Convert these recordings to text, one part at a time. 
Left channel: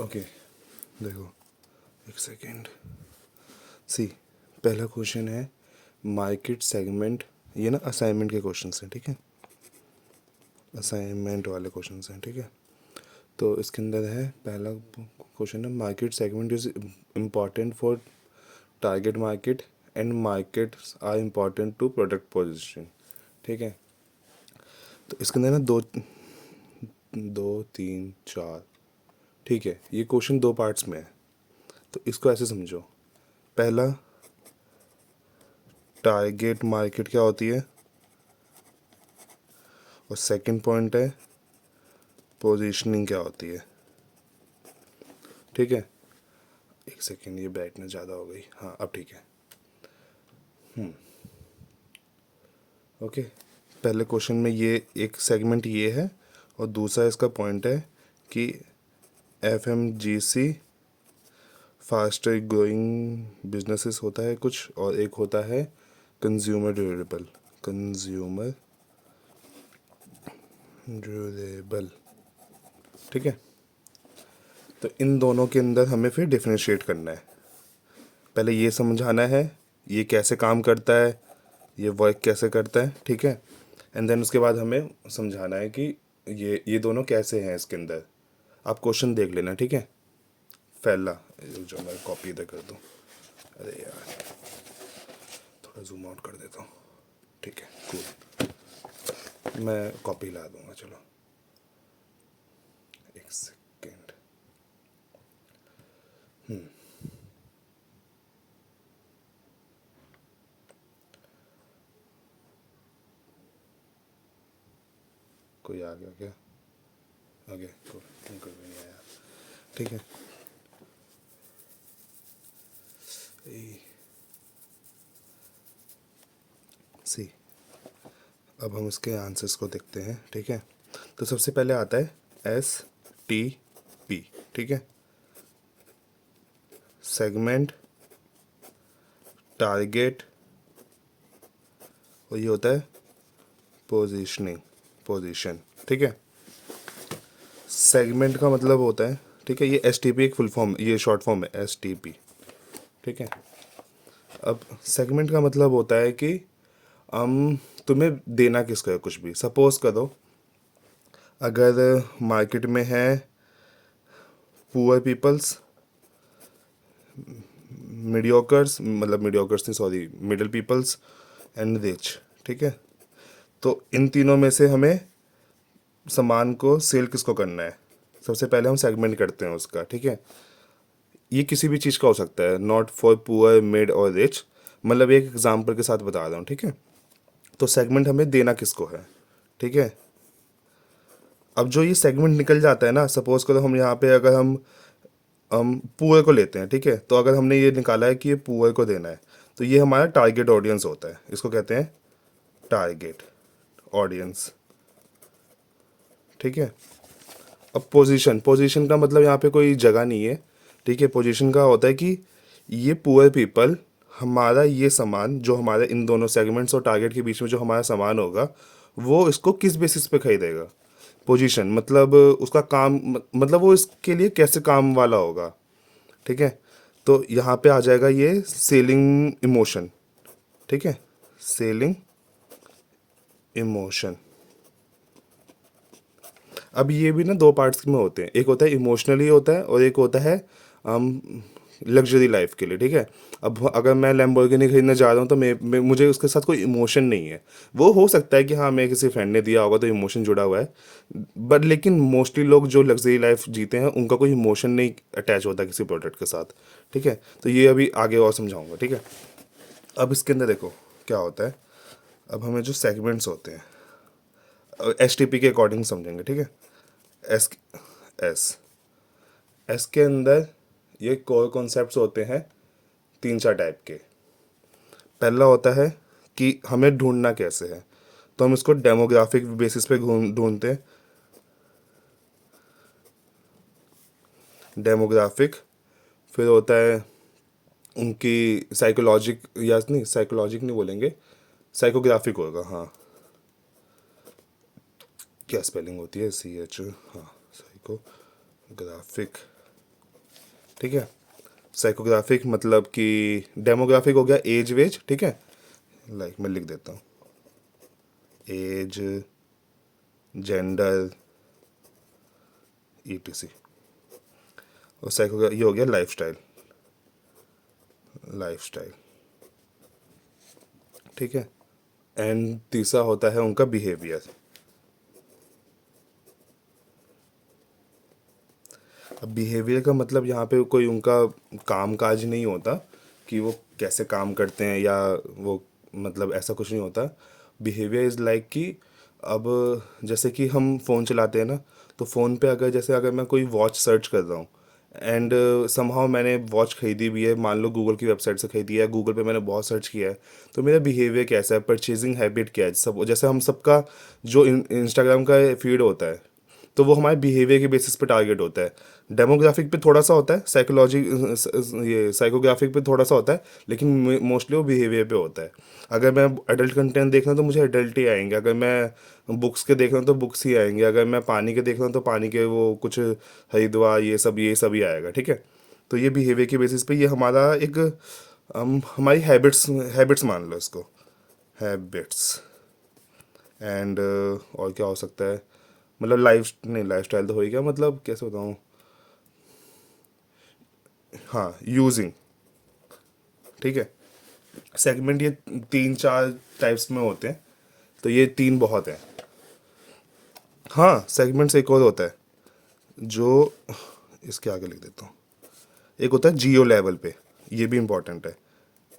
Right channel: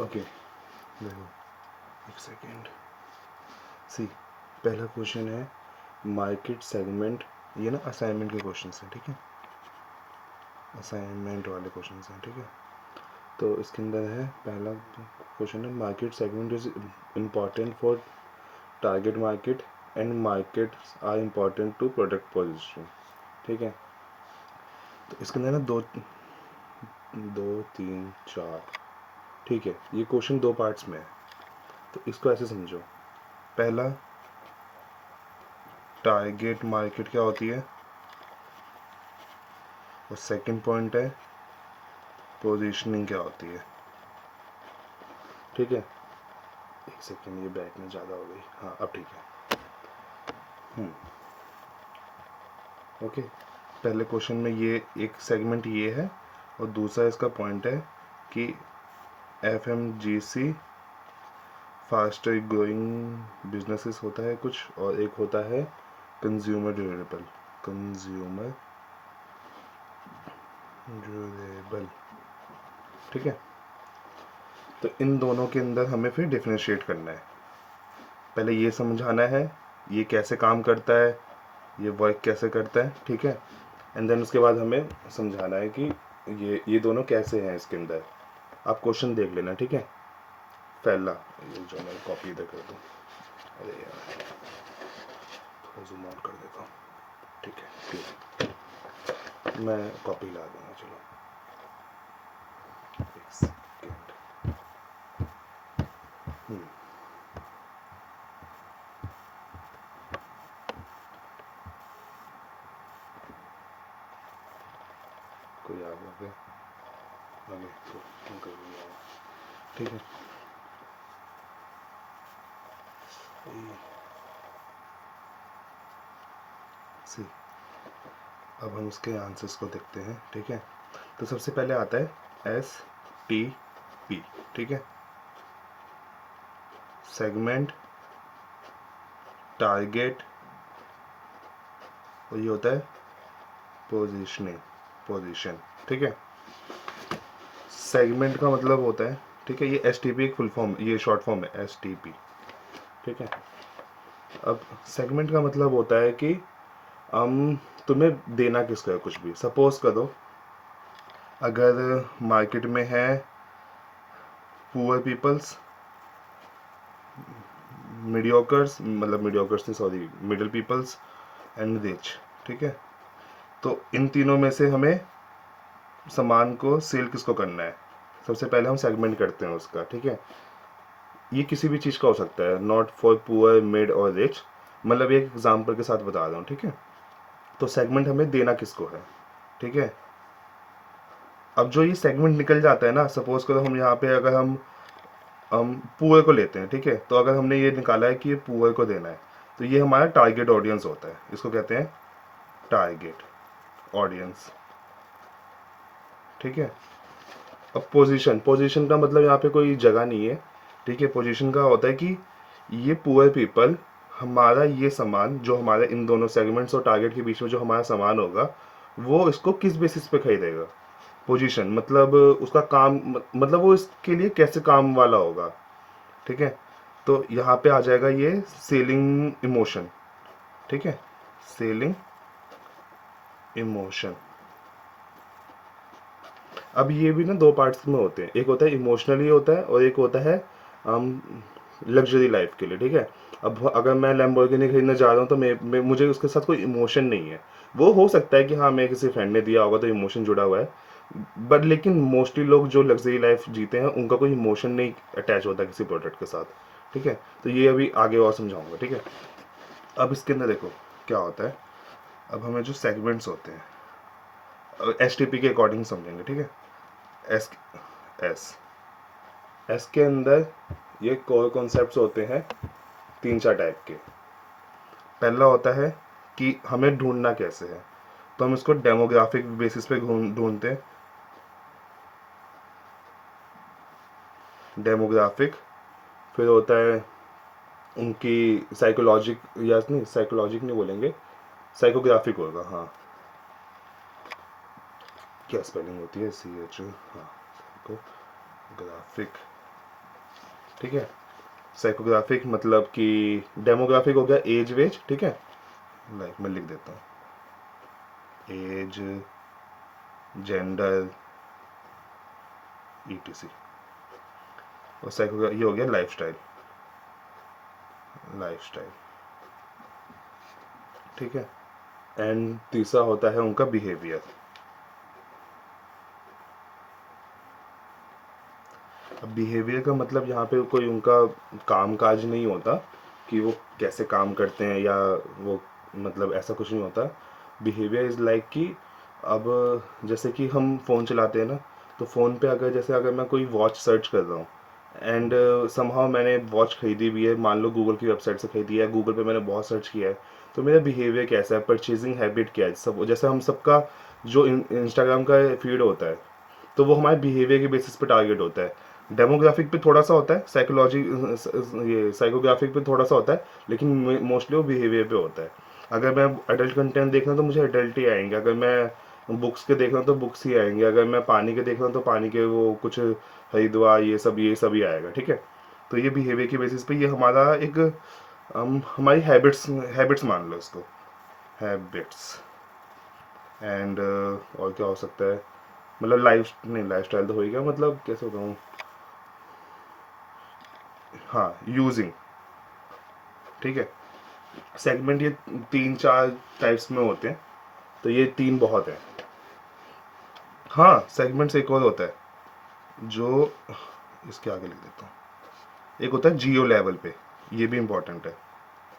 Okay देखो, एक second. सी, पहला क्वेश्चन है मार्केट सेगमेंट। ये ना असाइनमेंट के क्वेश्चन हैं, ठीक है, असाइनमेंट वाले क्वेश्चन हैं, ठीक है। तो इसके अंदर है पहला क्वेश्चन है market segment is important for target market and markets are important to product position, ठीक है। तो इसके अंदर ना दो दो तीन चार, ठीक है। ये क्वेश्चन दो पार्ट्स में है, तो इसको ऐसे समझो। पहला, टारगेट मार्केट क्या होती है, और सेकंड पॉइंट है पोजीशनिंग क्या होती है, ठीक है। एक सेकंड, ये ब्राइटनेस ज़्यादा हो गई, हाँ अब ठीक है। ओके, पहले क्वेश्चन में ये एक सेगमेंट ये है, और दूसरा इसका पॉइंट है कि FMGC फास्टर ग्रोइंग बिजनेसेस होता है कुछ, और एक होता है कंज्यूमर ड्यूरेबल, कंज्यूमर ड्यूरेबल, ठीक है। तो इन दोनों के अंदर हमें फिर डिफरेंशिएट करना है। पहले ये समझाना है ये कैसे काम करता है, ये वर्क कैसे करता है, ठीक है। एंड देन उसके बाद हमें समझाना है कि ये दोनों कैसे हैं इसके अंदर। आप क्वेश्चन देख लेना, ठीक है। पहला, ये जो मैं कॉपी इधर कर दूँ, अरे यार थोड़ा जूम आउट कर देता हूँ, ठीक है, मैं कॉपी ला दूँगा, चलो एक सेकेंड। कोई आ गया क्या? आगे क्यों कर दिया, ठीक है। सी, अब हम इसके आंसर्स को देखते हैं, ठीक है। तो सबसे पहले आता है STP, ठीक है, सेगमेंट, टारगेट, और ये होता है पोजीशनिंग, पोजीशन, ठीक है। सेगमेंट का मतलब होता है, ठीक है, ये STP एक फुल फॉर्म, ये शॉर्ट फॉर्म है STP, ठीक है। अब सेगमेंट का मतलब होता है कि हम तुम्हें देना किसका है कुछ भी। सपोज करो अगर मार्केट में है पुअर पीपल्स, मीडियोकर्स, मतलब मीडियोकर्स नहीं sorry, middle peoples and rich, ठीक है। तो इन तीनों में से हमें सामान को सेल किसको करना है, सबसे पहले हम सेगमेंट करते हैं उसका, ठीक है। ये किसी भी चीज़ का हो सकता है, नॉट फॉर पुअर, मिड और रिच, मतलब एक एग्जांपल के साथ बता रहा हूँ, ठीक है। तो सेगमेंट हमें देना किसको है, ठीक है। अब जो ये सेगमेंट निकल जाता है ना, सपोज करो हम यहाँ पे अगर हम पुअर को लेते हैं, ठीक है। तो अगर हमने ये निकाला है कि ये पुअर को देना है, तो ये हमारा टारगेट ऑडियंस होता है, इसको कहते हैं टारगेट ऑडियंस, ठीक है। अब पोजीशन, पोजीशन का मतलब यहाँ पे कोई जगह नहीं है, ठीक है। पोजीशन का होता है कि ये पुअर पीपल हमारा ये सामान, जो हमारे इन दोनों सेगमेंट्स और टारगेट के बीच में जो हमारा सामान होगा, वो इसको किस बेसिस पे खरीदेगा। पोजीशन मतलब उसका काम, मतलब वो इसके लिए कैसे काम वाला होगा, ठीक है। तो यहाँ पे आ जाएगा ये सेलिंग इमोशन, ठीक है, सेलिंग इमोशन। अब ये भी ना दो पार्ट्स में होते हैं, एक होता है इमोशनली होता है, और एक होता है लग्जरी लाइफ के लिए, ठीक है। अब अगर मैं लैम्बोर्गिनी खरीदने जा रहा हूँ तो मुझे उसके साथ कोई इमोशन नहीं है। वो हो सकता है कि हाँ मैं किसी फ्रेंड ने दिया होगा तो इमोशन जुड़ा हुआ है, बट लेकिन मोस्टली लोग जो लग्जरी लाइफ जीते हैं उनका कोई इमोशन नहीं अटैच होता किसी प्रोडक्ट के साथ, ठीक है। तो ये अभी आगे और समझाऊंगा, ठीक है। अब इसके अंदर देखो क्या होता है। अब हमें जो सेगमेंट्स होते हैं STP के अकॉर्डिंग समझेंगे, ठीक है। एस एस एस के अंदर ये कोर कॉन्सेप्ट्स होते हैं तीन चार टाइप के। पहला होता है कि हमें ढूंढना कैसे है, तो हम इसको डेमोग्राफिक बेसिस पे ढूंढते हैं, डेमोग्राफिक। फिर होता है उनकी साइकोलॉजिक, या नहीं साइकोलॉजिक नहीं बोलेंगे, साइकोग्राफिक होगा, हाँ। क्या स्पेलिंग होती है CH, हाँ, साइकोग्राफिक, ठीक है। साइकोग्राफिक मतलब कि डेमोग्राफिक हो गया एज वेज, ठीक है, लाइक मैं लिख देता हूँ एज, जेंडर, ईटीसी। और साइकोग्राफी ये हो गया लाइफस्टाइल, लाइफस्टाइल, ठीक है। एंड तीसरा होता है उनका बिहेवियर। अब बिहेवियर का मतलब यहाँ पे कोई उनका काम काज नहीं होता कि वो कैसे काम करते हैं या वो, मतलब ऐसा कुछ नहीं होता। बिहेवियर इज़ लाइक कि अब जैसे कि हम फ़ोन चलाते हैं ना, तो फ़ोन पे अगर जैसे अगर मैं कोई वॉच सर्च कर रहा हूँ एंड समहाउ मैंने वॉच खरीदी भी है, मान लो गूगल की वेबसाइट से खरीदी है, गूगल पे मैंने बहुत सर्च किया है, तो मेरा बिहेवियर कैसा है, परचेजिंग हैबिट क्या है, सब जैसे हम सबका जो इंस्टाग्राम का फीड होता है, तो वो हमारे बिहेवियर के बेसिस पे टारगेट होता है। डेमोग्राफिक पे थोड़ा सा होता है, साइकोलॉजी ये साइकोग्राफिक पे थोड़ा सा होता है, लेकिन मोस्टली वो बिहेवियर पे होता है। अगर मैं एडल्ट कंटेंट देख रहा हूँ तो मुझे एडल्ट ही आएंगे, अगर मैं बुक्स के देख रहा हूँ तो बुक्स ही आएंगे, अगर मैं पानी के देख रहा हूँ तो पानी के वो कुछ हरिद्वार ये सब ही आएगा, ठीक है। तो ये बिहेवियर के बेसिस पे ये हमारा एक हमारी हैबिट्स हैबिट्स मान लो इसको, हैबिट्स। एंड और क्या हो सकता है, मतलब लाइफ नहीं, लाइफ स्टाइल तो हो ही गया, मतलब कैसे बताऊँ, हाँ यूजिंग, ठीक है। सेगमेंट ये 3-4 टाइप्स में होते हैं, तो ये 3 बहुत है। हाँ सेगमेंट्स एक और होता है जो, इसके आगे लिख देता हूँ, एक होता है जियो लेवल पे, ये भी इम्पोर्टेंट है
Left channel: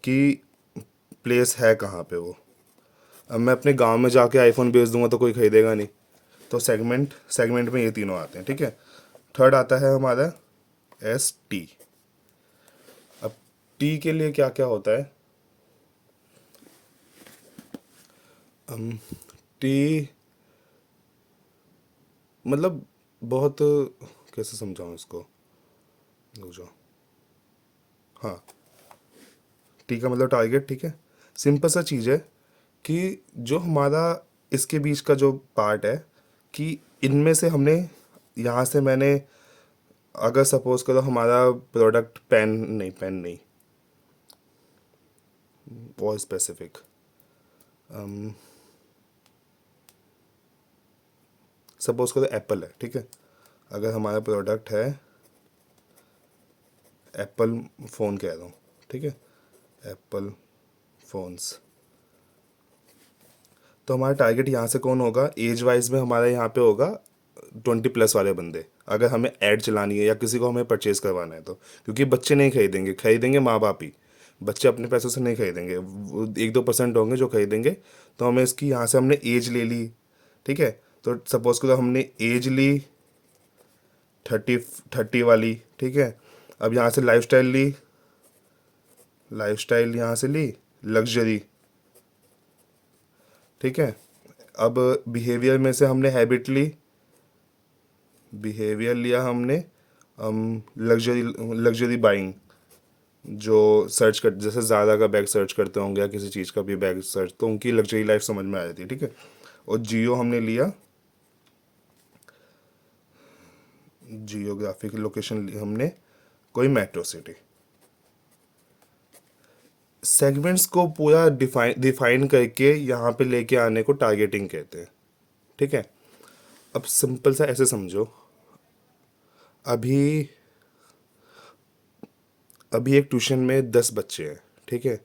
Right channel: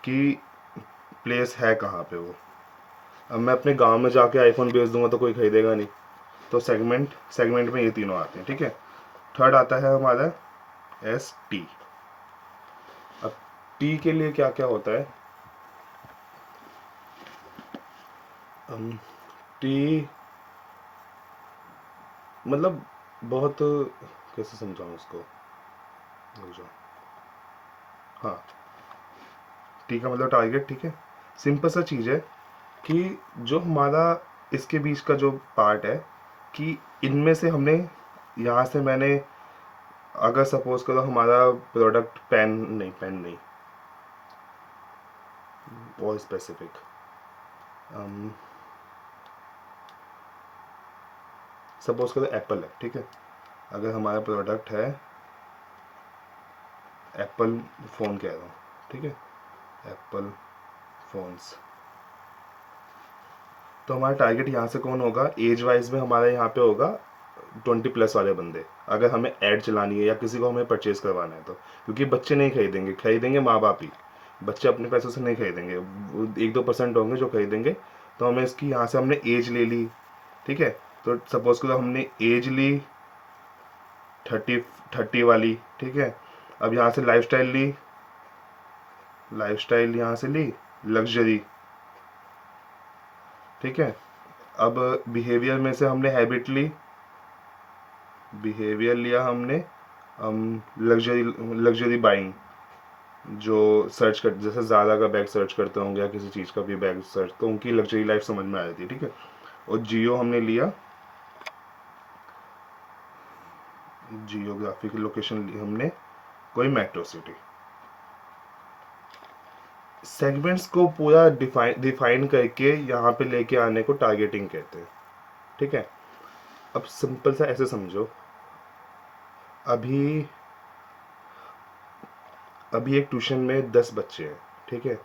कि प्लेस है कहाँ पे वो। अब मैं अपने गांव में जाके आईफोन बेच दूंगा तो कोई खरीदेगा नहीं, तो सेगमेंट सेगमेंट में ये तीनों आते हैं, ठीक है। थर्ड आता है हमारा एस टी। अब टी के लिए क्या क्या होता है, टी मतलब बहुत, कैसे समझाऊँ इसको, रुक जाओ। हाँ, टी का मतलब टारगेट, ठीक है। सिंपल सा चीज़ है कि जो हमारा इसके बीच का जो पार्ट है कि इनमें से हमने, यहाँ से मैंने, अगर सपोज करो हमारा प्रोडक्ट पेन नहीं, और स्पेसिफिक, सपोज करो एप्पल है, ठीक है। अगर हमारा प्रोडक्ट है एप्पल फ़ोन कह रहा हूँ, ठीक है, एप्पल फ़ोन्स, तो हमारा टारगेट यहाँ से कौन होगा, एज वाइज में हमारा यहाँ पे होगा 20+ वाले बंदे, अगर हमें ऐड चलानी है या किसी को हमें परचेज करवाना है तो। क्योंकि बच्चे नहीं खरीदेंगे, खरीदेंगे माँ बाप ही, बच्चे अपने पैसों से नहीं खरीदेंगे, 1-2% होंगे जो खरीदेंगे। तो हमें इसकी यहाँ से हमने एज ले ली, ठीक है। तो सपोज करो हमने एज ली 30 वाली, ठीक है। अब यहाँ से लाइफस्टाइल ली, लाइफस्टाइल यहाँ से ली लग्जरी, ठीक है। अब बिहेवियर में से हमने हैबिट ली, बिहेवियर लिया हमने लग्जरी, लग्जरी बाइंग, जो सर्च कर, जैसे ज़्यादा का बैग सर्च करते होंगे या किसी चीज़ का भी बैग सर्च, तो उनकी लग्जरी लाइफ समझ में आ जाती है, ठीक है। और जियो हमने लिया, जियोग्राफिक लोकेशन ली हमने कोई मेट्रो सिटी। सेगमेंट्स को पूरा डिफाइन करके यहाँ पे लेके आने को टारगेटिंग कहते हैं, ठीक है। अब सिंपल सा ऐसे समझो, अभी अभी एक ट्यूशन में 10 बच्चे हैं, ठीक है।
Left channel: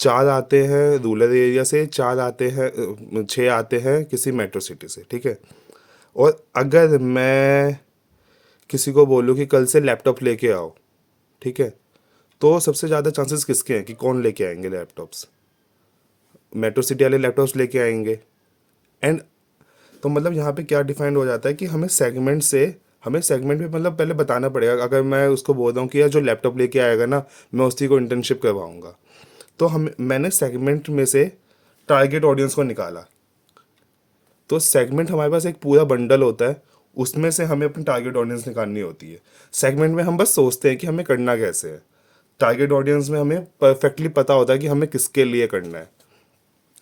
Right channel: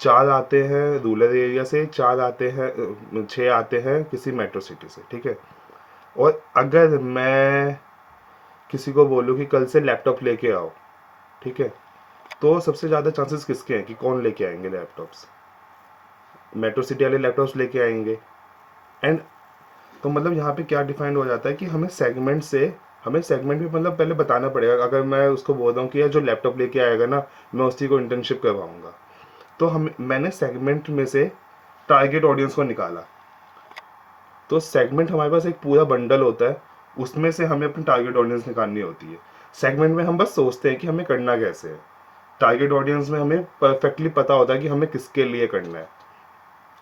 4 आते हैं रूरल एरिया से, 4 आते हैं, 6 आते हैं किसी मेट्रो सिटी से, ठीक है। और अगर मैं किसी को बोलूँ कि कल से लैपटॉप लेके आओ, ठीक है, तो सबसे ज़्यादा चांसेस किसके हैं कि कौन लेके आएंगे लैपटॉप्स, मेट्रो सिटी वाले लैपटॉप्स लेके आएंगे। एंड तो मतलब यहाँ पे क्या डिफाइंड हो जाता है कि हमें सेगमेंट में मतलब पहले बताना पड़ेगा। अगर मैं उसको बोल रहा हूँ कि यार जो लैपटॉप लेके आएगा ना, मैं उसी को इंटर्नशिप करवाऊँगा, तो मैंने सेगमेंट में से टारगेट ऑडियंस को निकाला। तो सेगमेंट हमारे पास एक पूरा बंडल होता है, उसमें से हमें अपनी टारगेट ऑडियंस निकालनी होती है। सेगमेंट में हम बस सोचते हैं कि हमें करना कैसे है, टारगेट ऑडियंस में हमें परफेक्टली पता होता है कि हमें किसके लिए करना है।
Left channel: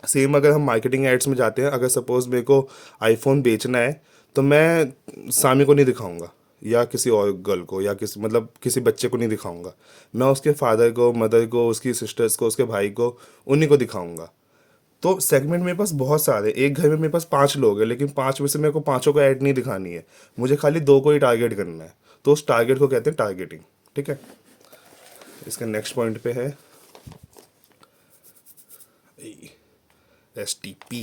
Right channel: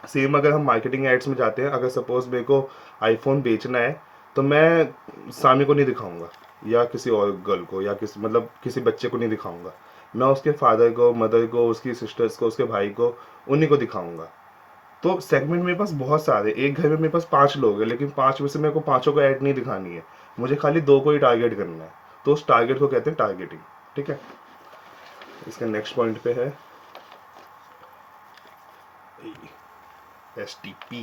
सेम अगर हम मार्केटिंग एड्स में जाते हैं, अगर सपोज मेरे को आईफोन बेचना है, तो मैं सामी को नहीं दिखाऊंगा, या किसी और गर्ल को या किसी मतलब किसी बच्चे को नहीं दिखाऊंगा, मैं उसके फादर को, मदर को, उसकी सिस्टर्स को, उसके भाई को, उन्हीं को दिखाऊंगा। तो सेगमेंट मेरे पास बहुत सारे, एक घर में मेरे पास 5 लोग हैं, लेकिन 5 में से मेरे को 5 को ऐड नहीं दिखानी है, मुझे खाली 2 को ही टारगेट करना है। तो उस टारगेट को कहते हैं टारगेटिंग। ठीक है, इसके नेक्स्ट पॉइंट पे है STP,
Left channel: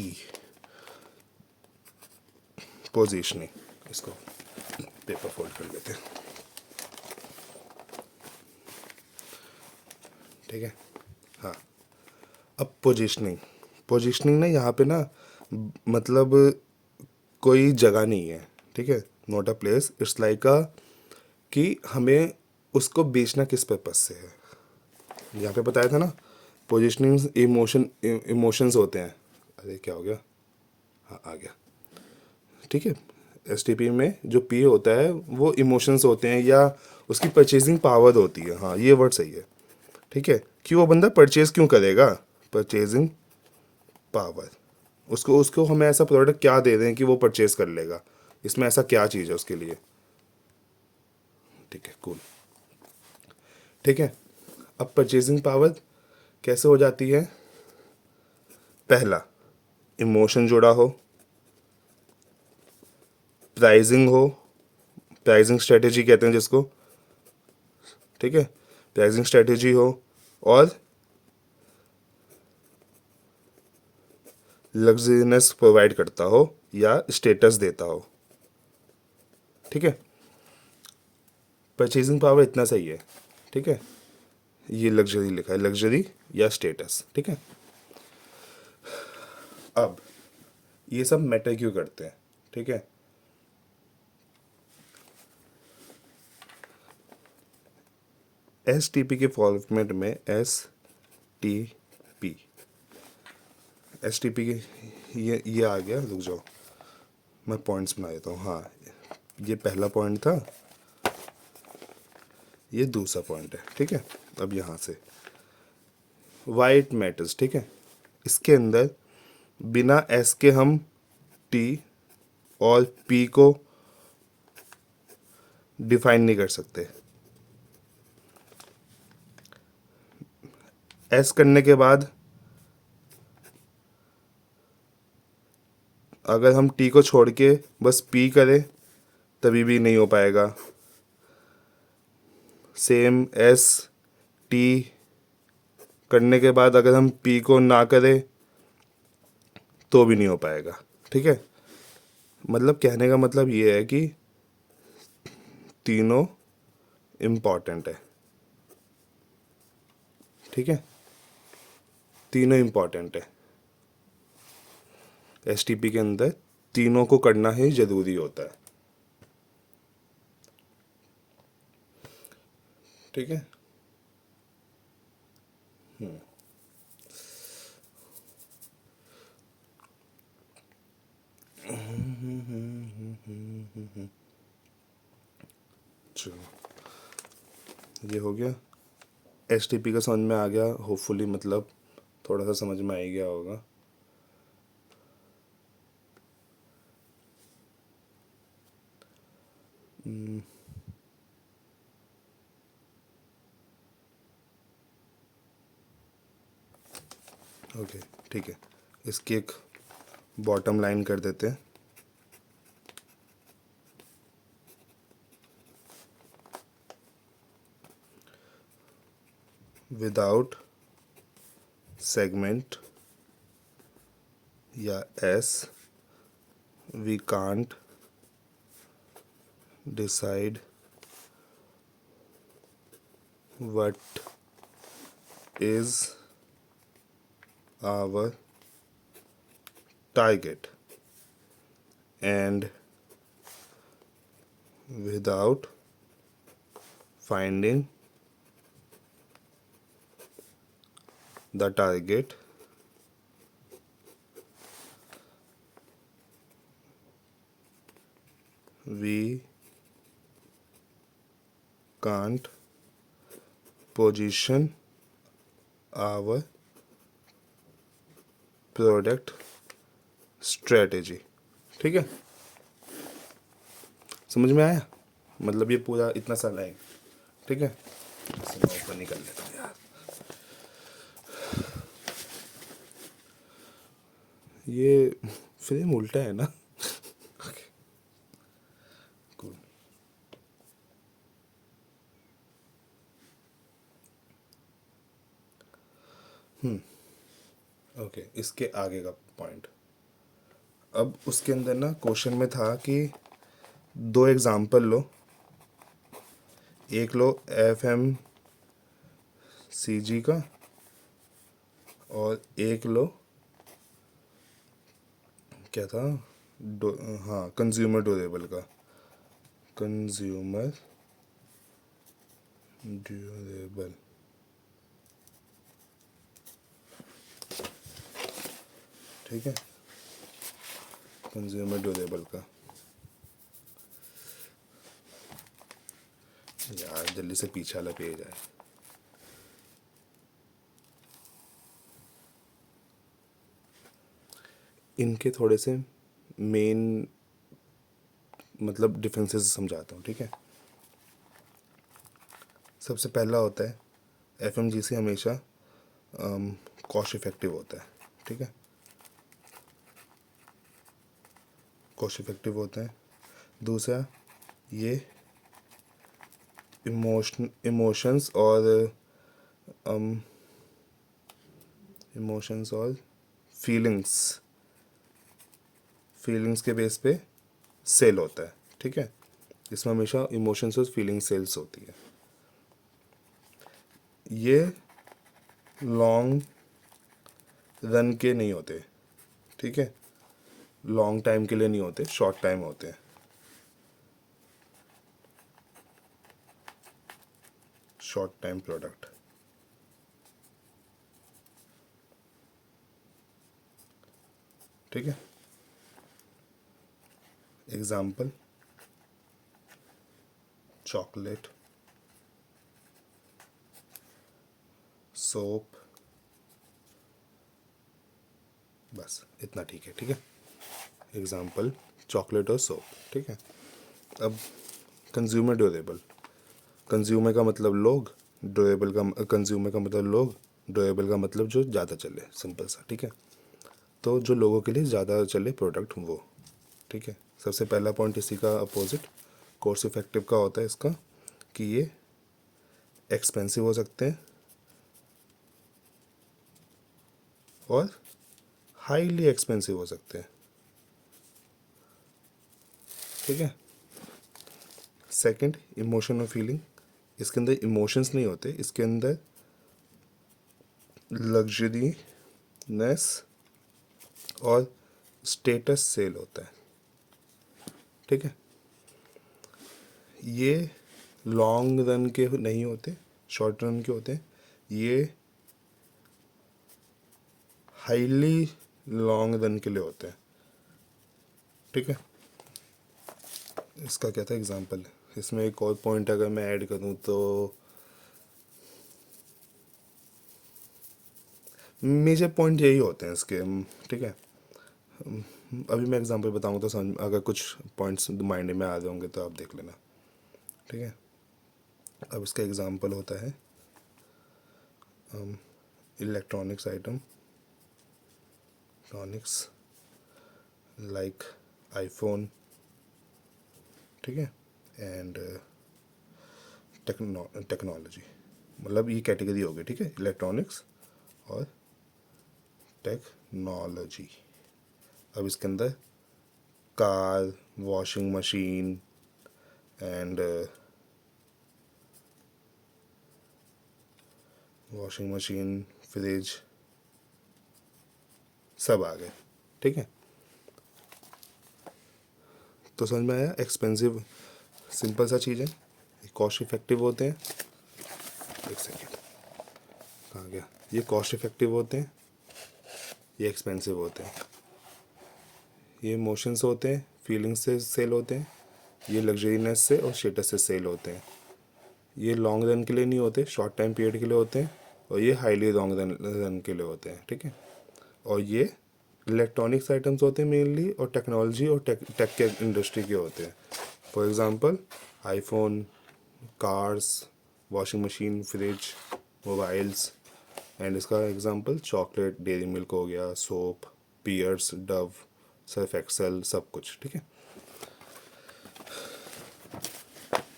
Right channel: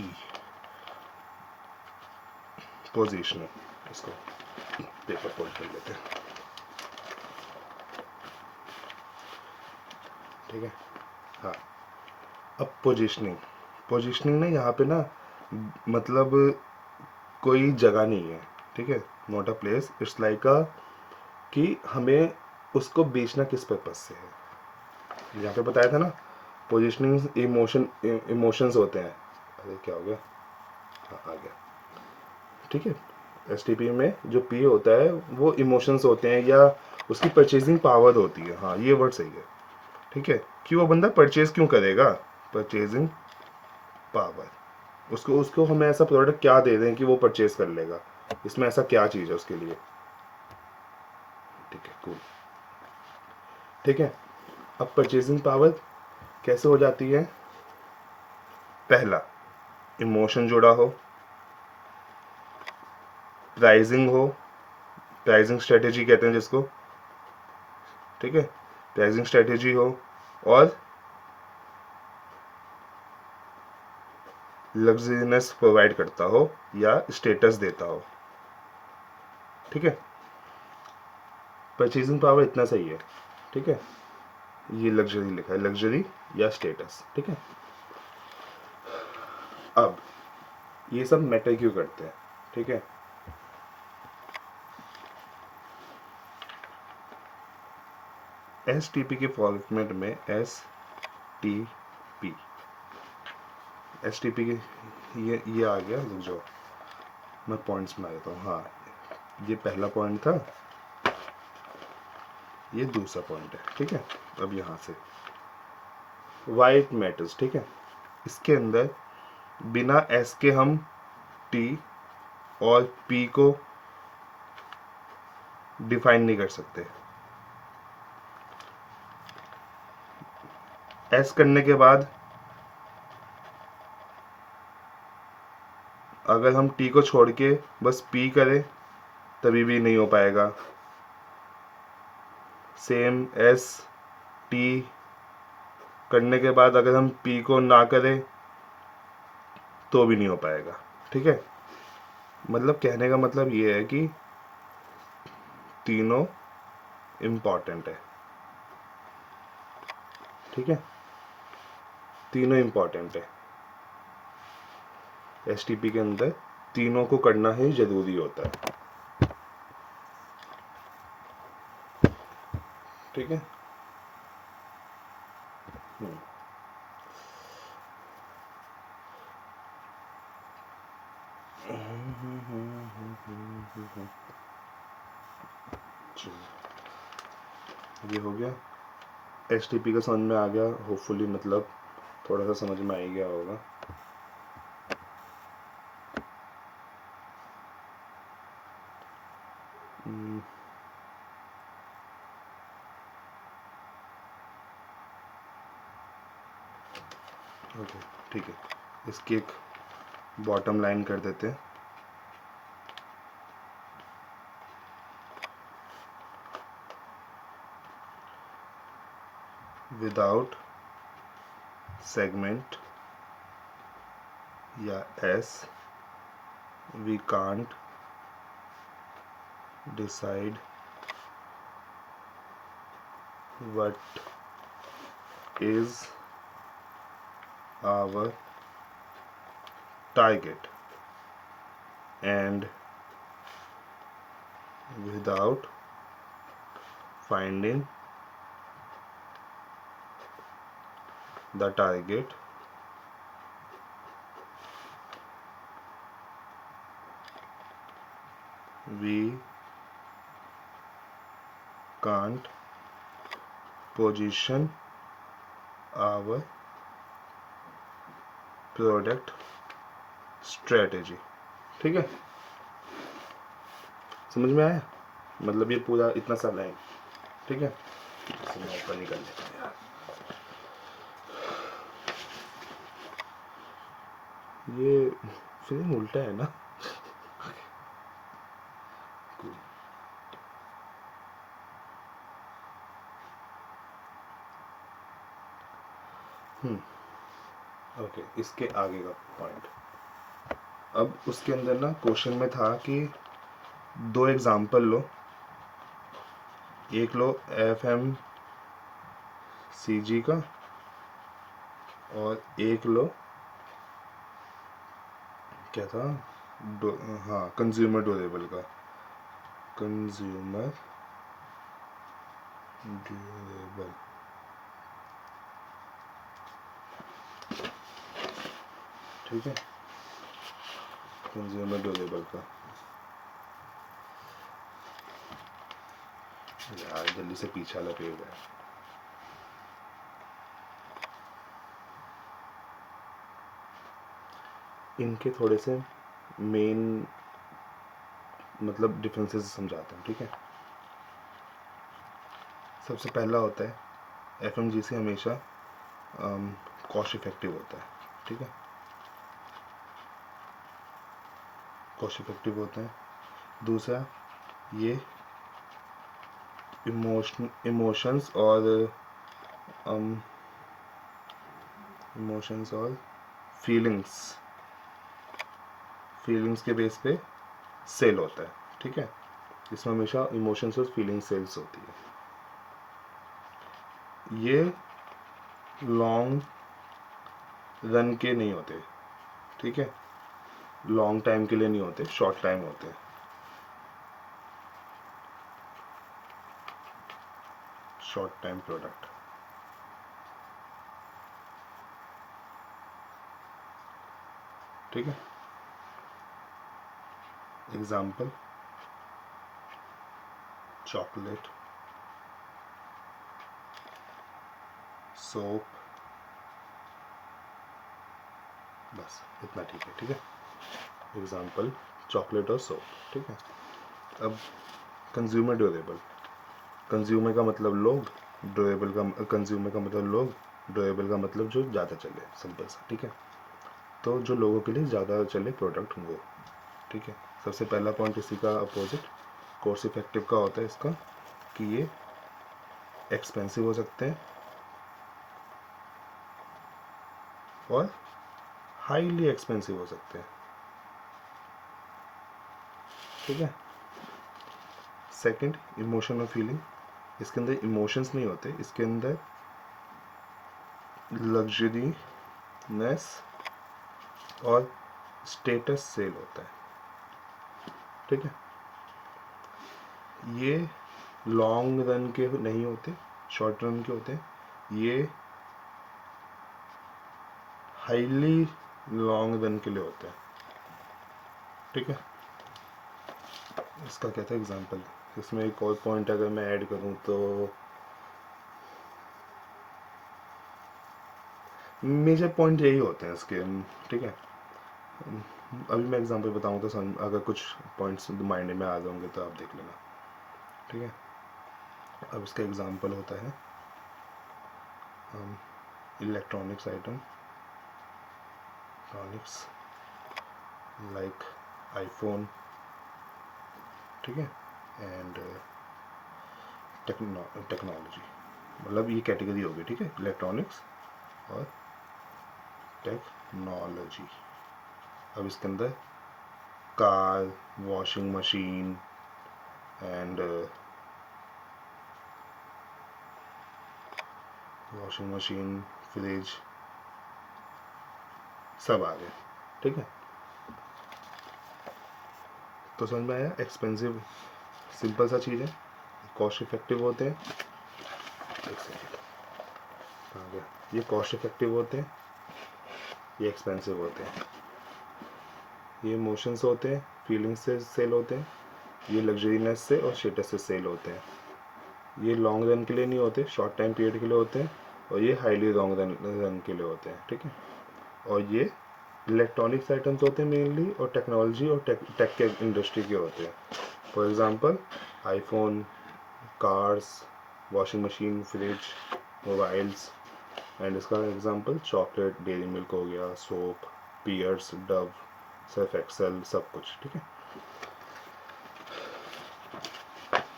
पोजीशनिंग। इसको पेपर फोल्ड कर लेते हैं। ठीक है, हाँ। अब पोजीशनिंग, पोजीशनिंग ना यहाँ पे ना मतलब कोई जगह नहीं है। ठीक है, not a place, it's like अ कि हमें उसको बेचना किस पर्पज से है। यहाँ पे बताया था ना, पोजीशनिंग इमोशंस होते हैं। अरे क्या हो गया, हाँ आ गया। ठीक है, STP में जो P होता है वो इमोशंस होते हैं या उसकी परचेजिंग पावर होती है। हाँ ये वर्ड सही है। ठीक है, कि वो बंदा परचेज क्यों करेगा, परचेजिंग पावर। उसको उसको हमें ऐसा प्रोडक्ट क्या दे दें कि वो परचेज कर लेगा, इसमें ऐसा क्या चीज़ है उसके लिए। ठीक है, कूल। ठीक है, अब परचेजिंग पावर कैसे हो जाती है। पहला, इमोशन जुड़ा हो, प्राइजिंग हो, प्राइजिंग स्ट्रेटेजी कहते हैं जिसको। ठीक है, प्राइजिंग स्ट्रेटेजी हो, और लग्जरीनेस प्रोवाइड करता हो या स्टेटस देता हो। ठीक है, परचेजिंग पावर इतना सही है। ठीक है, ये लग्जरी लिखा है, लग्जरी या स्टेटस। ठीक है, अब ये सब मैटर क्यों करते हैं। ठीक है, STP के फॉर्मेट में STP, STP के ये आ गया। रुक जाओ, मैं पॉइंट्स बना देता हूँ। हाँ, ये पहला पॉइंट था, ये दूसरा पॉइंट है। ठीक है, अब यहाँ से वाइट मैटर्स। ठीक है, इसके अंदर बिना S के हम T और P को डिफाइन नहीं कर सकते। S करने के बाद अगर हम T को छोड़ के बस P करें तभी भी नहीं हो पाएगा। सेम ST करने के बाद अगर हम P को ना करें तो भी नहीं हो पाएगा। ठीक है, मतलब कहने का मतलब ये है कि तीनों इम्पॉर्टेंट है। ठीक है, तीनों इम्पॉर्टेंट है। STP के अंदर तीनों को करना ही ज़रूरी होता है। ठीक है, ये हो गया। STP का समझ में आ गया होपफुली, मतलब थोड़ा सा समझ में आ ही गया होगा। ओके, ठीक है, इसकी एक बॉटम लाइन कर देते हैं। विदाउट सेगमेंट या S we can't decide what is our target, and without finding the target we can't position our product strategy। ठीक है, समझ में आया। मतलब ये पूरा इतना सा लाइन, ठीक है। इसे मैं ऊपर निकाल लेता हूँ यार, ये फ्रेम उल्टा है ना। Cool. ओके, इसके आगे का पॉइंट, अब उसके अंदर ना क्वेश्चन में था कि दो एग्जाम्पल लो, एक लो FMCG का और एक लो क्या था, हाँ कंज्यूमर ड्यूरेबल का, कंज्यूमर ड्यूरेबल, ठीक है, कंज्यूमर ड्यूरेबल का। यार जल्दी से पीछे वाला पेज है, इनके थोड़े से मेन मतलब डिफरेंसेस समझाता हूँ, ठीक है। सबसे पहला होता है FMGC हमेशा कॉस्ट इफेक्टिव होता है, ठीक है, कॉस्ट इफेक्टिव होता है। दूसरा, ये इमोशंस और फीलिंग्स के बेस पे सेल होता है, ठीक है। इसमें हमेशा इमोशंस और फीलिंग सेल्स होती है। ये लॉन्ग रन के नहीं होते, ठीक है, लॉन्ग टाइम के लिए नहीं होते, शॉर्ट टाइम होते हैं, शॉर्ट टाइम प्रोडक्ट, ठीक है। एग्जाम्पल, चॉकलेट, सोप, बस इतना ठीक है, ठीक है। एग्जाम्पल चॉकलेट और सोप, ठीक है। अब कंज्यूमर ड्यूरेबल, कंज्यूमर का मतलब लोग, ड्यूरेबल का, कंज्यूमर का मतलब लोग, ड्यूरेबल का मतलब जो ज़्यादा चले, सिंपल सा, ठीक है। तो जो लोगों के लिए ज़्यादा चले प्रोडक्ट वो, ठीक है। सबसे पहला पॉइंट इसी का अपोजिट कोर्स इफेक्टिव का होता है इसका, कि ये एक्सपेंसिव हो सकते हैं और हाईली एक्सपेंसिव हो सकते हैं, ठीक है। सेकंड, इमोशन और फीलिंग, इसके अंदर इमोशंस नहीं होते, इसके अंदर लग्जरीनेस और स्टेटस सेल होता है, ठीक है। ये लॉन्ग रन के नहीं होते, शॉर्ट रन के होते हैं। ये हाईली लॉन्ग रन के लिए होते हैं, ठीक है। इसका क्या था एग्जांपल, इसमें एक और पॉइंट अगर मैं ऐड करूँ तो मेजर पॉइंट यही होते हैं इसके, ठीक है। अभी मैं एग्जांपल बताऊँ तो अगर कुछ पॉइंट्स माइंड में आ रहे होंगे तो आप देख लेना, ठीक है। अब इसका एग्जांपल होता है electronics item, electronics like iPhone, ठीक है, एंड टेक्नोलॉजी, मतलब ये कैटेगरी होगी, ठीक है, इलेक्ट्रॉनिक्स और टेक्नोलॉजी। अब इसके अंदर car, washing machine and fridge सब आ गए, ठीक है। तो समझ में आया, एक्सपेंसिव सिंपल सा चीज़ है, कॉस्ट इफेक्टिव होते हैं, एक सेकेंड कहाँ गया, ये कॉस्ट इफेक्टिव होते हैं, ये एक्सपेंसिव होते हैं, ये इमोशंस होते हैं, फीलिंग्स से सेल होते हैं, ये लग्जरीनेस से और स्टेटस से सेल होते हैं, ये लॉन्ग रन के लिए नहीं होते, शॉर्ट टाइम पीरियड के लिए होते हैं, और ये हाईली लॉन्ग रन के लिए होते हैं, ठीक है। और ये इलेक्ट्रॉनिक्स आइटम्स होते हैं मेनली, और टेक्नोलॉजी और टेक के इंडस्ट्री के होते हैं। For example iPhone, cars, washing machine, fridge, mobiles. And इसका एग्जांपल चॉकलेट, डेयरी मिल्क हो गया, soap, Pears, Dove, Surf Excel, सब कुछ। ठीक है,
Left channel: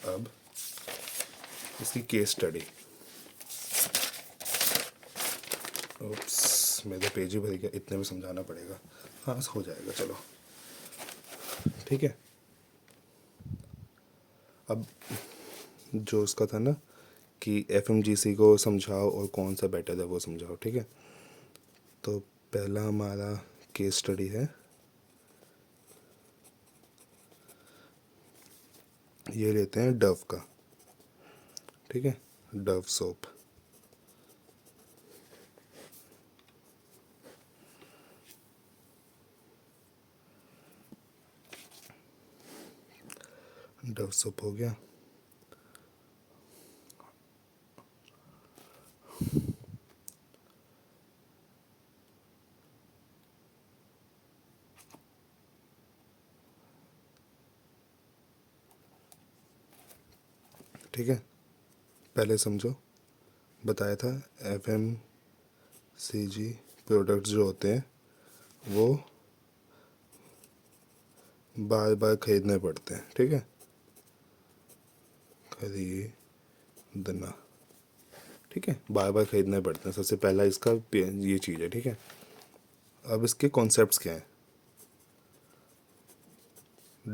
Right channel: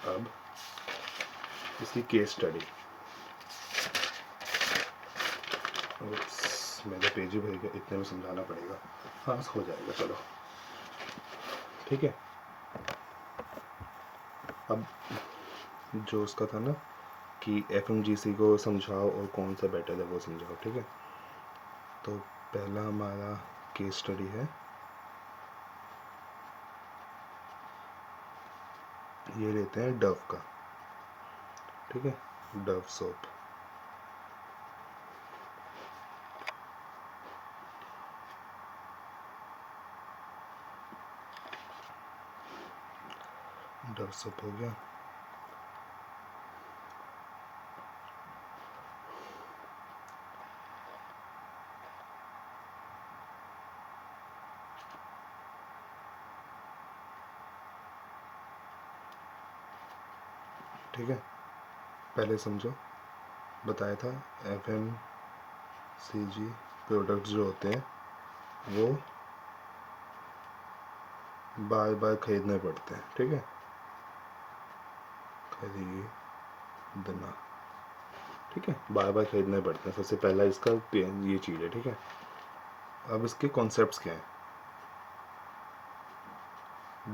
अब इसकी केस स्टडी। मेरे पेज ही भर गया, इतने में समझाना पड़ेगा। हाँ बस हो जाएगा, चलो ठीक है। अब जो उसका था ना कि एफएमजीसी को समझाओ और कौन सा बेटर है वो समझाओ। ठीक है, तो पहला हमारा केस स्टडी है, ये लेते हैं डव का। ठीक है, डव सोप। डव सोप हो गया। ठीक है, पहले समझो, बताया था एफएमसीजी प्रोडक्ट्स जो होते हैं वो बार बार खरीदने पड़ते हैं। ठीक है, खरीदना, ठीक है, बार बार खरीदने पड़ते हैं। सबसे पहला इसका ये चीज़ है। ठीक है, अब इसके कॉन्सेप्ट्स क्या हैं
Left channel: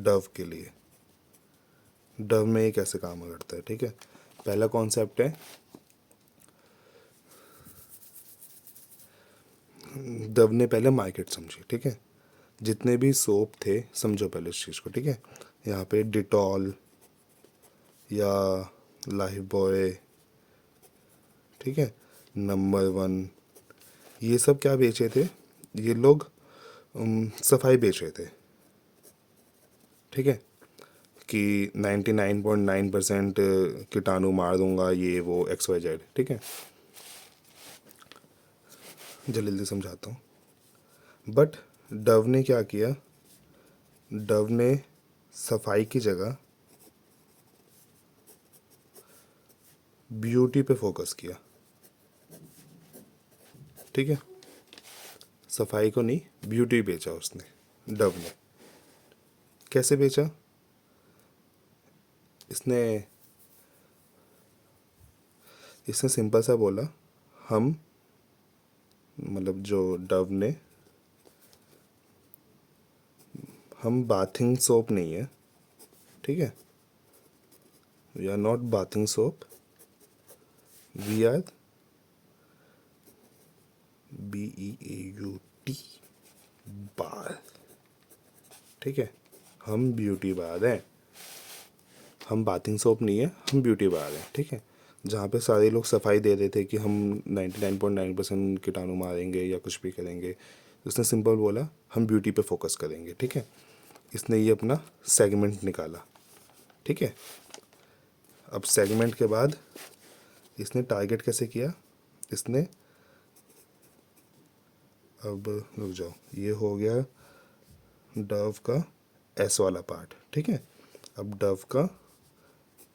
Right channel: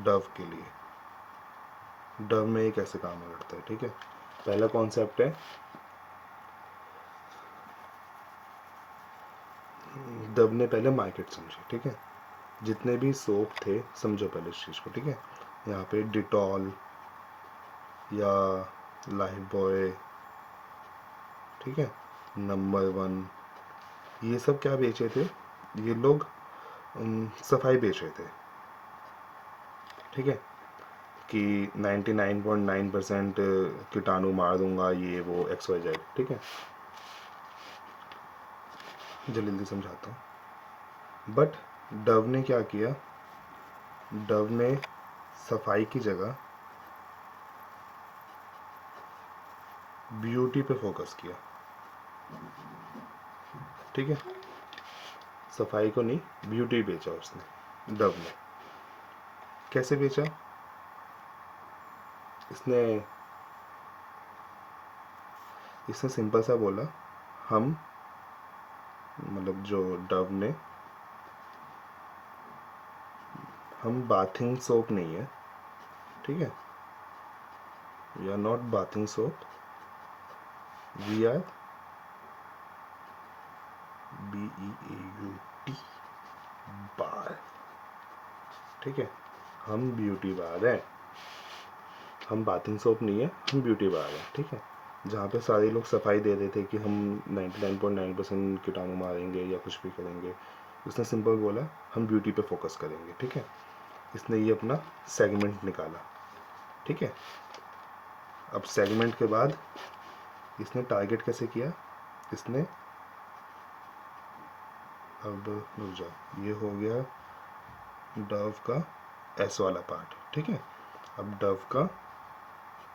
डव के लिए, डव में ये कैसे काम करता है। ठीक है, पहला कॉन्सेप्ट है, डव ने पहले मार्केट समझी। ठीक है, जितने भी सोप थे समझो पहले इस चीज़ को। ठीक है, यहाँ पे डिटॉल या लाइफ बॉय, ठीक है, नंबर वन, ये सब क्या बेचे थे, ये लोग सफाई बेच रहे थे। ठीक है, कि 99.9% कीटाणु मार दूंगा, ये वो एक्स वाई जेड। ठीक है, जल्दी जल्दी समझाता हूँ। बट डव ने क्या किया, डव ने सफाई की जगह ब्यूटी पे फोकस किया। ठीक है, सफाई को नहीं, ब्यूटी बेचा उसने, डव ने। कैसे बेचा, इसने इसने सिंपल सा बोला, हम मतलब जो डव ने, हम बाथिंग सोप नहीं है। ठीक है, we are not bathing soap, we are BEAUT bar. ठीक है, हम ब्यूटी बार हैं, हम बाथिंग सोप नहीं है, हम ब्यूटी बार हैं। ठीक है, जहाँ पे सारे लोग सफाई दे रहे थे कि हम 99.9% कीटाणु मारेंगे या कुछ भी करेंगे, उसने सिंपल बोला हम ब्यूटी पे फोकस करेंगे। ठीक है, इसने ये अपना सेगमेंट निकाला। ठीक है, अब सेगमेंट के बाद इसने टारगेट कैसे किया, इसने, अब रुक जाओ, ये हो गया डव का एस वाला पार्ट। ठीक है, अब डव का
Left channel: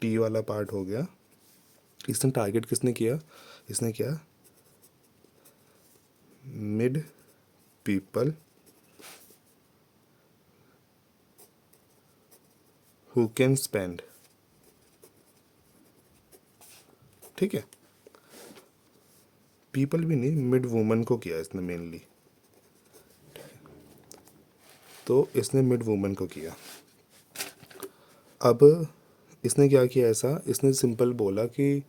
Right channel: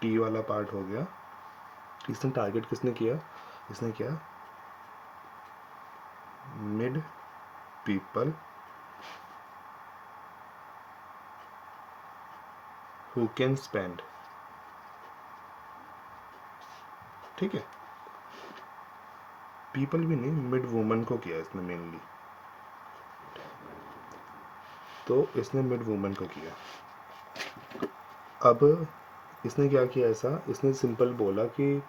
टी वाला पार्ट हो गया। इसने टारगेट किसने किया, इसने किया mid people who can spend. ठीक है, पीपल भी नहीं, मिड वुमन को किया इसने मेनली, तो इसने मिड वुमन को किया। अब इसने क्या किया ऐसा, इसने सिंपल बोला कि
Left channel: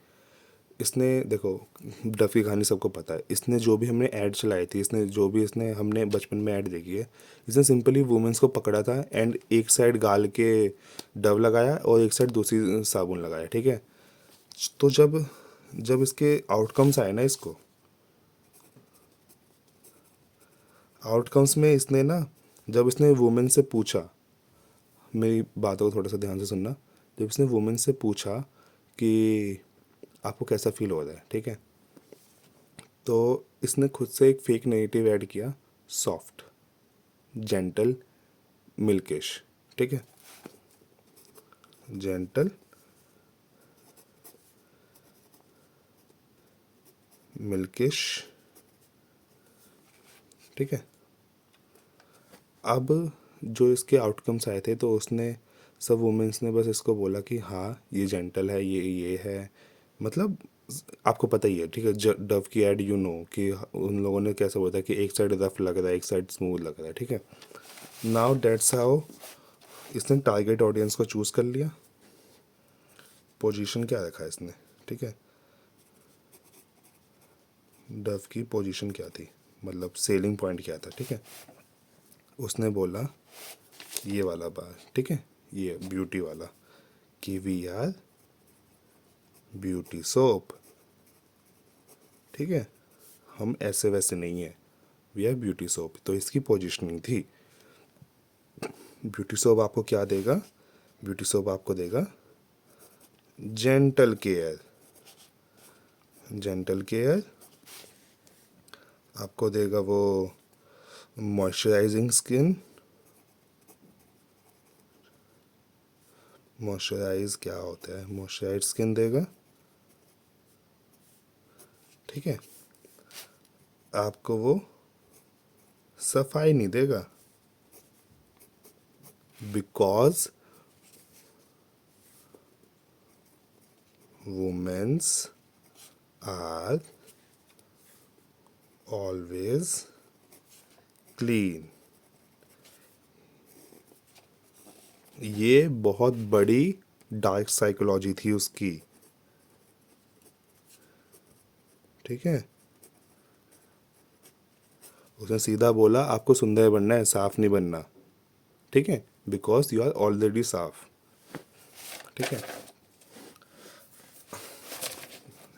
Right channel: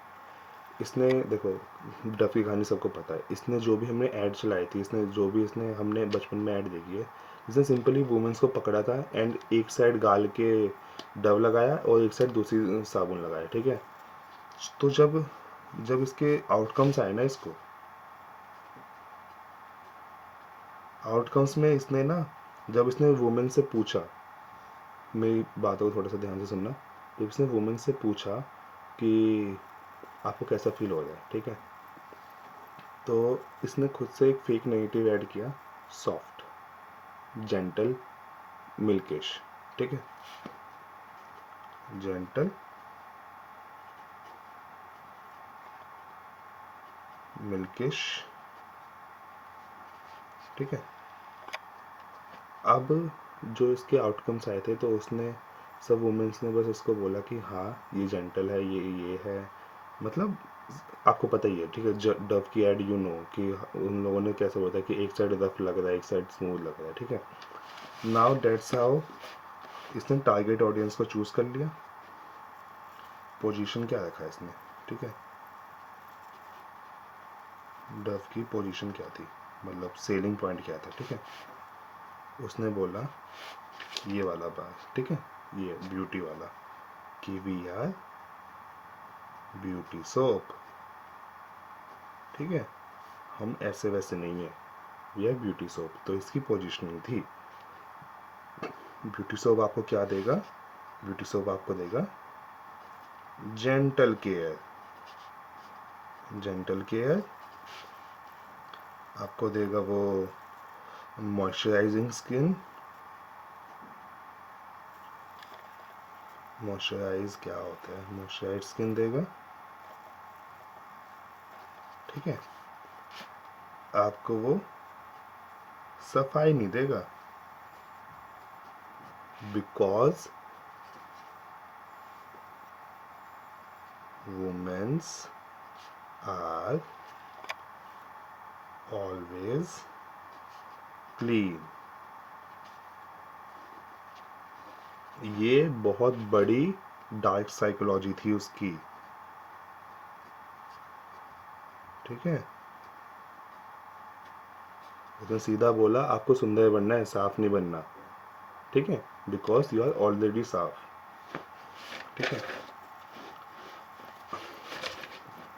इसने देखो, डफ की कहानी सबको पता है, इसने जो भी हमने ऐड चलाई थी, इसने जो भी इसने हमने बचपन में ऐड देखी है, इसने सिंपली वुमेंस को पकड़ा था एंड एक साइड गाल के डव लगाया और एक साइड दूसरी साबुन लगाया। ठीक है, तो जब जब इसके आउटकम्स आए ना, इसको आउटकम्स में इसने ना, जब इसने वुमेन से पूछा, मेरी बातों को थोड़ा सा ध्यान से सुनना, जब इसने वुमेन से पूछा कि आपको कैसा फील हो रहा है, ठीक है, तो इसने खुद से एक फेक नेगेटिव ऐड किया, सॉफ्ट, जेंटल, मिल्किश। ठीक है, जेंटल मिल्किश, ठीक है। अब जो इसके आउटकम्स आए थे तो उसने सब वुमेंस ने बस इसको बोला कि हाँ ये जेंटल है, ये है, मतलब आपको पता ही है, ठीक है। डव की एड यू नो कि उन लोगों ने कैसे बोला था कि एक साइड रफ लग रहा है, एक साइड स्मूथ लग रहा है, ठीक है। नाउ डेट्स हाउ इसने टारगेट ऑडियंस को चूज़ कर लिया। पोजीशन क्या रखा है इसने, ठीक है। डव की पोजीशन क्या थी, मतलब सेलिंग पॉइंट क्या था, ठीक है। उसने बोला ये वाला बात, ठीक है, ये ब्यूटी वाला कि वी आर ब्यूटी सोप, ठीक है। हम ऐसे वैसे नहीं है, वी आर ब्यूटी सोप। तो इसकी पोजीशनिंग थी। ब्यूटी सोप आपको क्या देगा, ब्यूटी सोप आपको देगा जेंटल केयर, जेंटल केयर आपको देगा वो मॉइस्चराइजिंग स्किन, मॉइस्चराइज क्या होता है, मॉइस्चराइज स्किन देगा, ठीक है। आपको वो सफाई नहीं देगा, because womens are always clean. ये बहुत बड़ी डार्क साइकोलॉजी थी उसकी, ठीक है। उसने सीधा बोला आपको सुंदर बनना है, साफ नहीं बनना, ठीक है, बिकॉज यू आर ऑलरेडी साफ, ठीक है।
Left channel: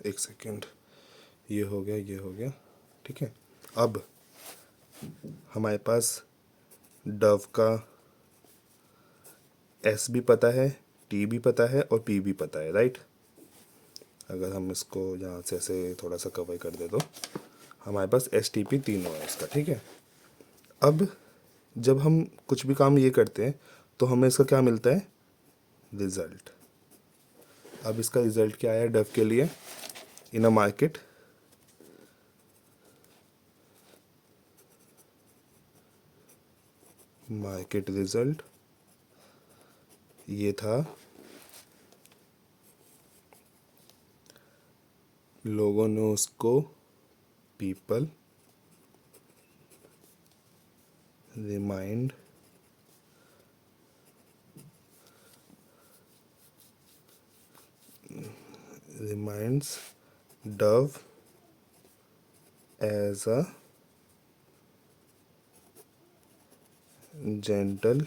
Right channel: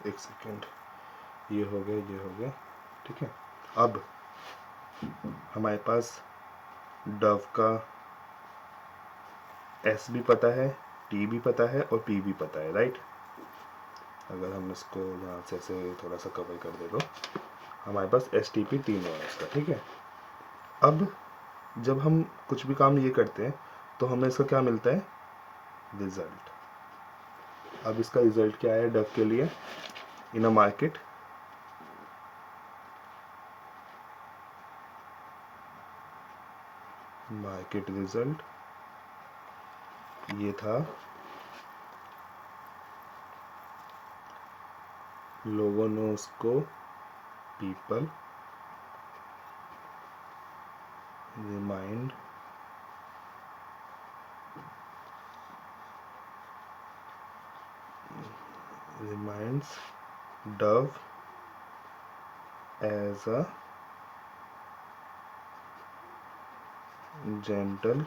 एक सेकेंड, ये हो गया, ये हो गया, ठीक है। अब हमारे पास डव का एस भी पता है, टी भी पता है और पी भी पता है, राइट। अगर हम इसको यहाँ से ऐसे थोड़ा सा कवर कर दे तो हमारे पास एस टी पी तीन हुआ इसका, ठीक है। अब जब हम कुछ भी काम ये करते हैं तो हमें इसका क्या मिलता है, रिजल्ट। अब इसका रिजल्ट क्या है डव के लिए, इन अ मार्केट, मार्केट रिजल्ट ये था, लोगों ने उसको, people remind reminds Dove as a gentle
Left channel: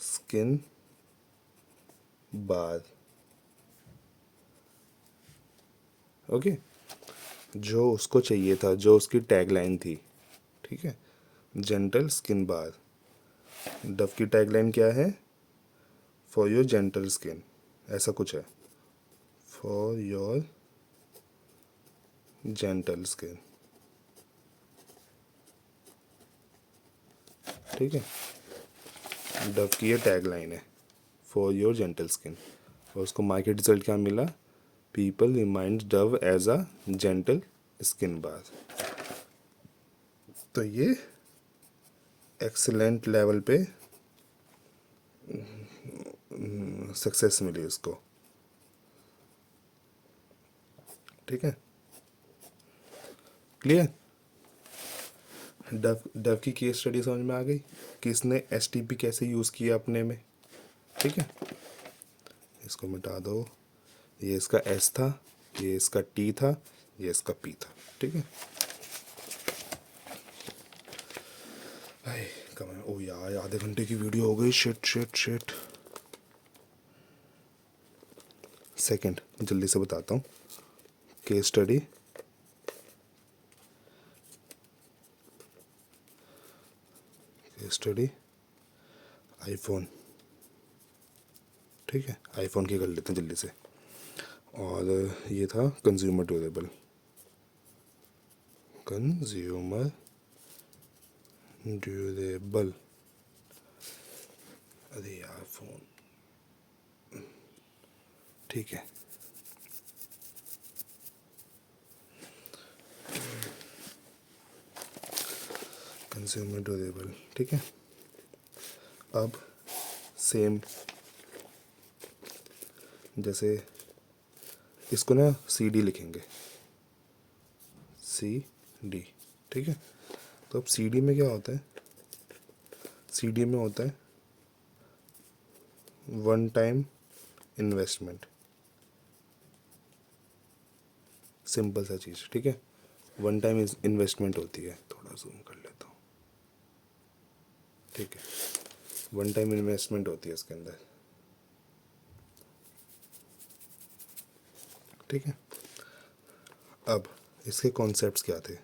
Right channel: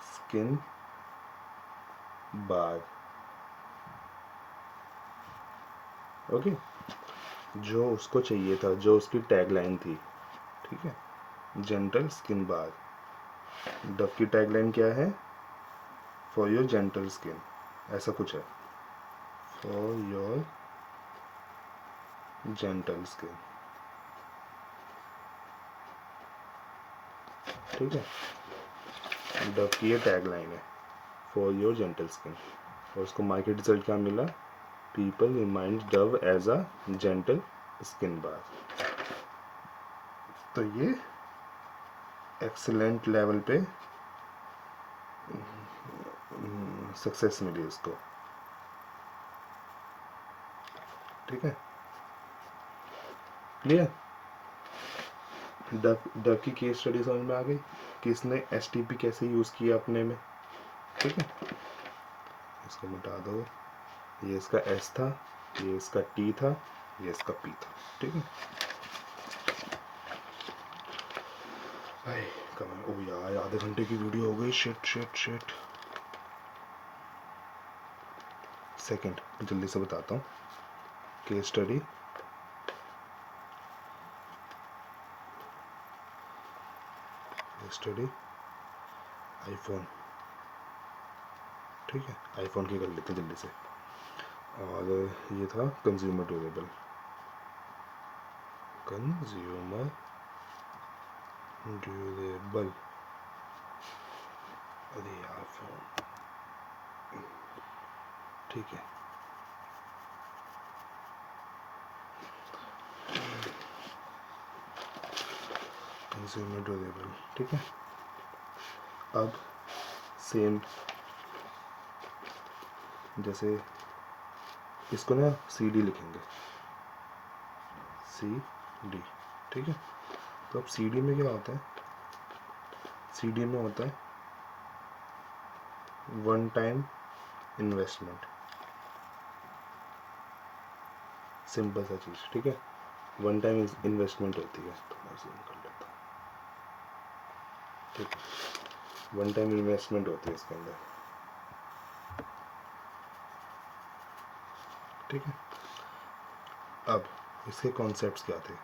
skin bath, okay. जो उसको चाहिए था, जो उसकी टैगलाइन थी, ठीक है, जेंटल स्किन बाथ। डव की टैगलाइन क्या है, फॉर योर जेंटल स्किन, ऐसा कुछ है, फॉर योर जेंटल स्किन, ठीक है। डव की ये टैगलाइन है, फॉर योर जेंटल स्किन, और उसको मार्केट रिजल्ट क्या मिला, people remind Dove as a gentle skin bath. तो ये एक्सीलेंट लेवल पे सक्सेस मिली उसको, ठीक है, क्लियर। डव की केस स्टडी समझ में आ गई कि इसने एस टी पी कैसे यूज़ किया अपने में, ठीक है। इसको मिटा दो, ये इसका एस था, ये इसका टी था, ये इसका पी था, ठीक है। कमेंट, ओ यार आधे घंटे की वीडियो हो गई, शिट शिट शिट। सेकंड जल्दी से बताता हूँ, केस स्टडी, स्टडी आईफोन, ठीक है, आईफोन की कर लेते हैं जल्दी से। और ये था कंज्यूमर ड्यूरेबल, कंज्यूमर ड्यूरेबल, अरे यार फोन, ठीक है, कंज्यूमर ड्यूरेबल, ठीक है। अब सेम जैसे इसको ना CD लिखेंगे, CD, ठीक है। तो अब CD में क्या होता है, CD में होता है वन टाइम इन्वेस्टमेंट, सिंपल सा चीज़, ठीक है। वन टाइम इन्वेस्टमेंट होती है, थोड़ा जूम कर लेता हूँ, ठीक है। वन टाइम इन्वेस्टमेंट होती है इसके अंदर, ठीक है। अब इसके कॉन्सेप्ट्स क्या थे,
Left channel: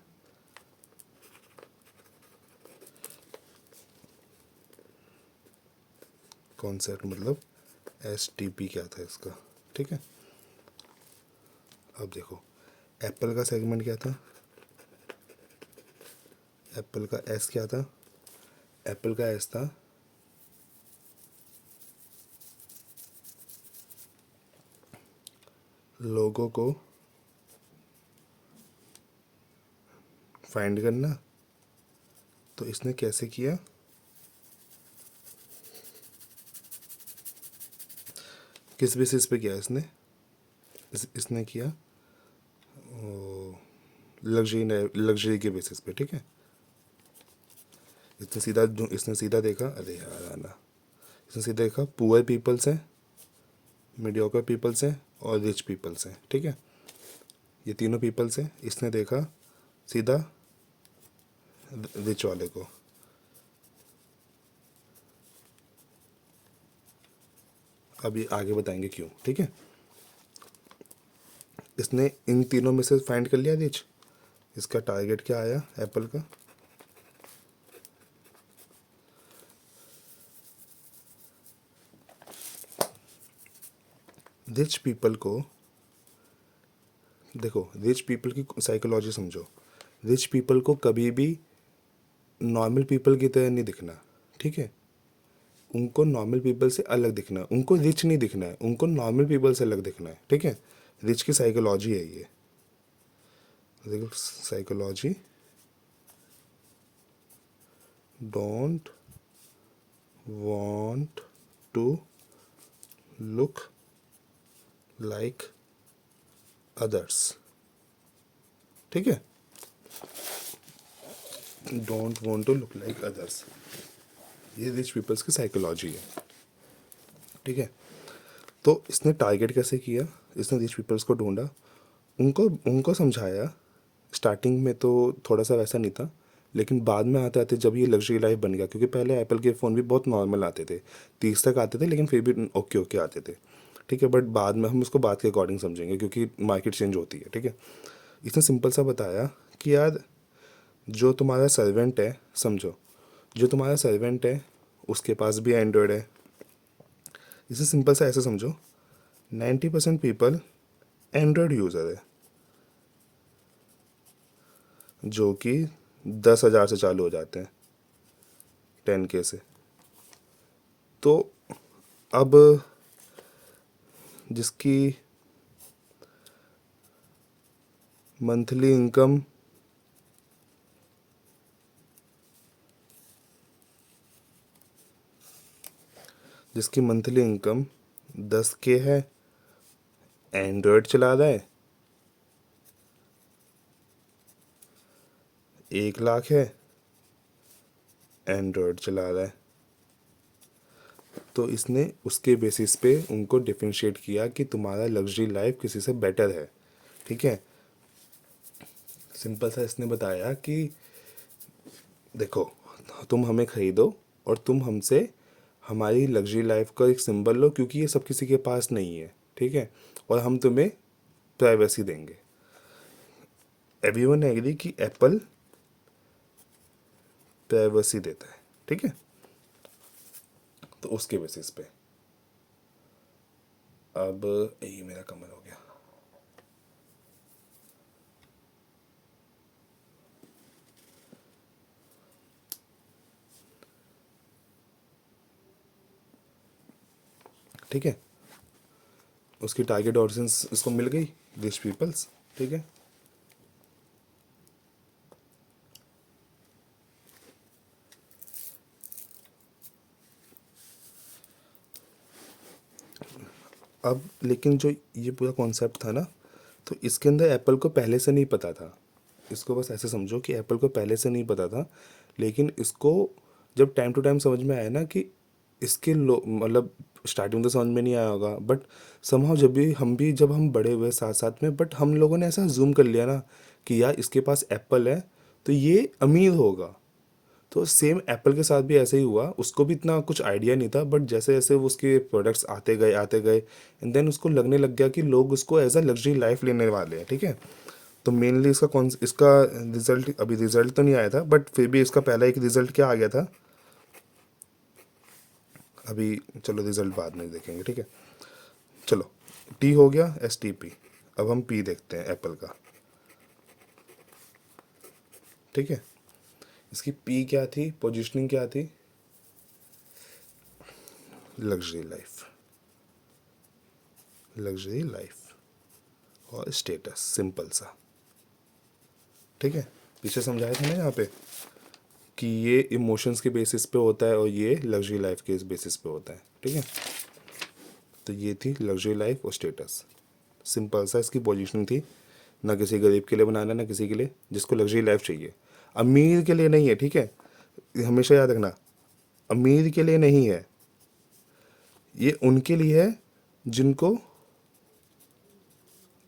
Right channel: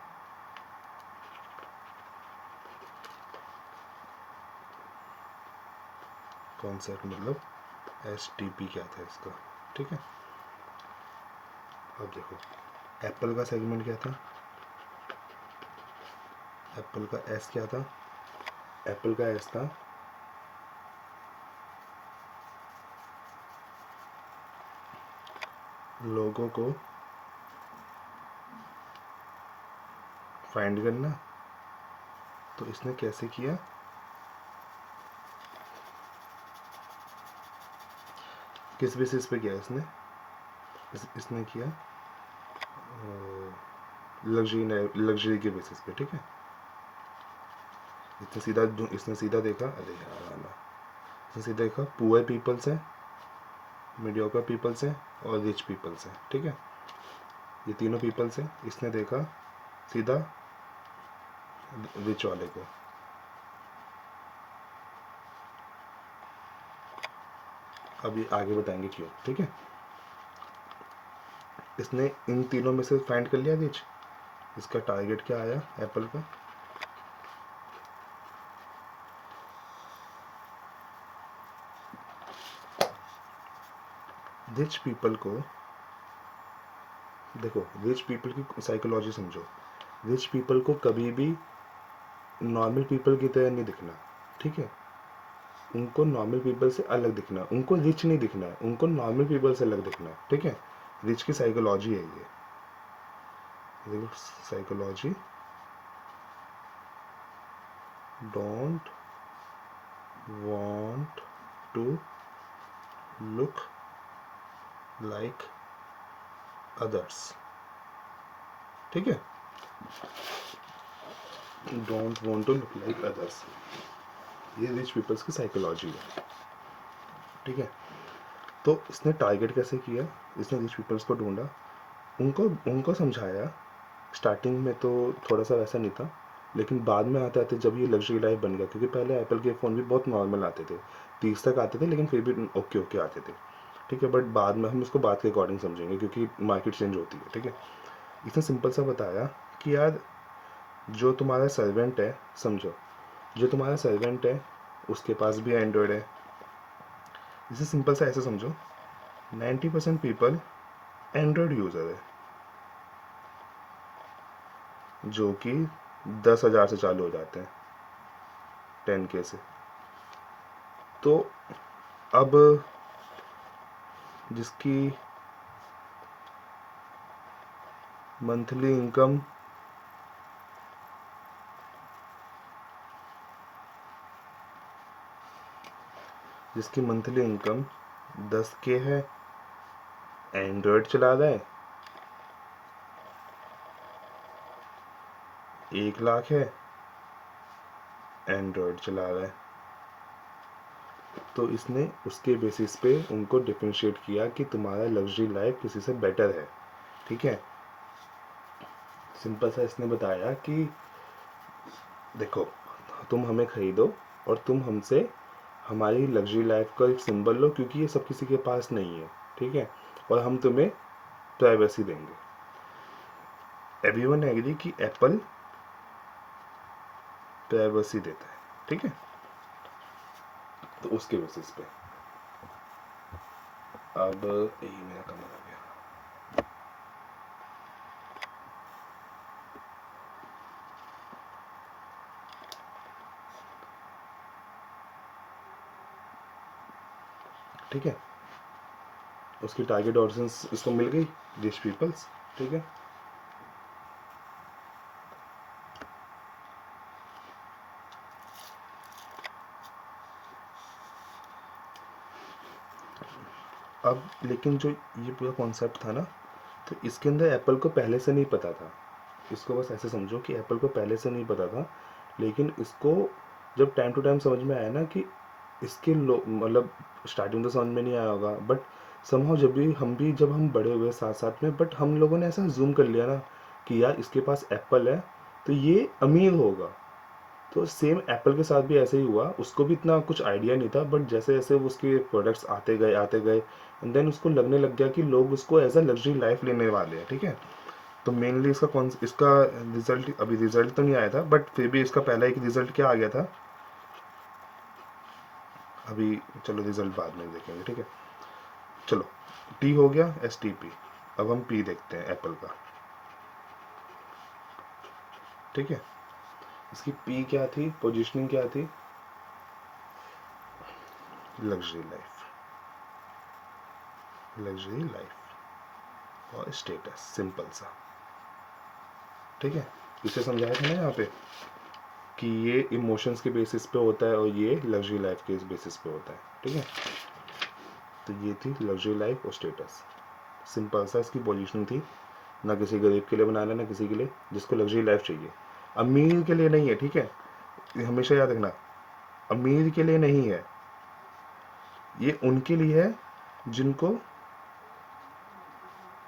कॉन्सेप्ट मतलब STP क्या था इसका, ठीक है। अब देखो एप्पल का सेगमेंट क्या था, एप्पल का S क्या था, एप्पल का S था लोगों को फाइंड करना। तो इसने कैसे किया, किस बेसिस पे किया इसने, इसने किया लग्जरी के बेसिस पे, ठीक है। इसने सीधा देखा, अरे यार आना, इसने सीधा देखा पुअर पीपल्स हैं, मीडियोकर पीपल्स हैं और रिच पीपल्स हैं, ठीक है। ये तीनों पीपल्स हैं, इसने देखा सीधा रिच वाले को। अब ये आगे बताएंगे क्यों, ठीक है। इसने इन तीनों में से फाइंड कर लिया रिच, इसका टारगेट क्या आया एप्पल का, रिच पीपल को। देखो रिच पीपल की साइकोलॉजी समझो, रिच पीपल को कभी भी नॉर्मल पीपल की तरह नहीं दिखना, ठीक है। उनको नॉर्मल पीपल से अलग दिखना, उनको रिच नहीं दिखना है, उनको नॉर्मल पीपल से अलग दिखना है, ठीक है। रिच की साइकोलॉजी है ये, देखो psychology, don't want to look like others, ठीक है। Don't want to look like others, ये रिच पीपल्स की साइकोलॉजी है, ठीक है। तो इसने टारगेट कैसे किया, इसने रिच पीपल्स को ढूंढा, उनको उनको समझाया। स्टार्टिंग में तो थोड़ा सा वैसा नहीं था, लेकिन बाद में आते आते जब ये लग्जरी लाइफ बन गया, क्योंकि पहले एप्पल के फ़ोन भी बहुत नॉर्मल आते थे, 30 तक आते थे, लेकिन फिर भी ओके ओके आते थे, ठीक है। बट बाद में हम इसको बात के अकॉर्डिंग समझेंगे, क्योंकि मार्केट चेंज होती है, ठीक है। इसने सिंपल सा बताया कि यार जो तुम्हारा सर्वेंट है, समझो जो तुम्हारा सर्वेंट है उसके पास भी एंड्रॉयड है। इसे सिंपल सा ऐसे समझो, 90% पीपल एंड्रॉयड यूज़र है, जो कि 10,000 से चालू हो जाते हैं, 10K से। तो अब जिसकी मंथली इनकम जिसकी मंथली इनकम 10K है, एंड्रॉयड चला रहा है, 1 लाख है, एंड्रॉयड चला रहा है। तो इसने उसके बेसिस पे उनको डिफरेंशिएट किया कि तुम्हारा लग्जरी लाइफ किसी से बेटर है, ठीक है। सिंपल सा इसने बताया कि देखो तुम हमें ख़रीदो और तुम हमसे हमारी लग्जरी लाइफ का एक सिंबल लो, क्योंकि ये सब किसी के पास नहीं है, ठीक है। और हम तुम्हें प्राइवेसी देंगे। एवरीवन एग्री कि एप्पल प्राइवेसी देता है, ठीक है। तो उसके बेसिस पे अब यही मेरा कमर हो गया, ठीक है। उसकी टारगेट ऑडियंस इसको मिल गई, दिस पीपल्स, ठीक है। अब लेकिन जो ये पूरा कॉन्सेप्ट था ना, तो इसके अंदर एप्पल को पहले से नहीं पता था। इसको बस ऐसे समझो कि एप्पल को पहले से नहीं पता था, लेकिन इसको जब टाइम टू टाइम समझ में आया ना कि इसके मतलब स्टार्टिंग तो समझ में नहीं आया होगा, बट समहाउ जब हम बड़े हुए साथ साथ में, बट हम लोगों ने ऐसा जूम कर लिया ना कि यार इसके पास एप्पल है तो ये अमीर होगा। तो सेम एप्पल के साथ भी ऐसे ही हुआ, उसको भी इतना कुछ आइडिया नहीं था, बट जैसे जैसे वो उसके प्रोडक्ट्स आते गए एंड देन उसको लगने लग गया कि लोग उसको एज अ लग्जरी लाइफ लेने वाले हैं, ठीक है। तो मेनली इसका रिजल्ट, अभी रिजल्ट तो नहीं आया था, बट फिर भी इसका पहला एक रिजल्ट क्या आ गया था, अभी चलो रिजल्ट बाद में देखेंगे, ठीक है। चलो, टी हो गया, एस टी पी। अब हम पी देखते हैं एप्पल का, ठीक है। इसकी पी क्या थी, पोजीशनिंग क्या थी, लग्जरी लाइफ, लग्जरी लाइफ और स्टेटस, सिंपल सा, ठीक है। इसे समझाया था ना यहाँ पे कि ये इमोशंस के बेसिस पे होता है और ये लग्जरी लाइफ के बेसिस पे होता है, ठीक है। तो ये थी लग्जरी लाइफ और स्टेटस, सिंपल सा इसकी पोजीशनिंग थी। ना किसी गरीब के लिए बनाना, ना किसी के लिए, जिसको लग्जरी लाइफ चाहिए। अमीर के लिए नहीं है, ठीक है, ये हमेशा याद रखना, अमीर के लिए नहीं है, ये उनके लिए है जिनको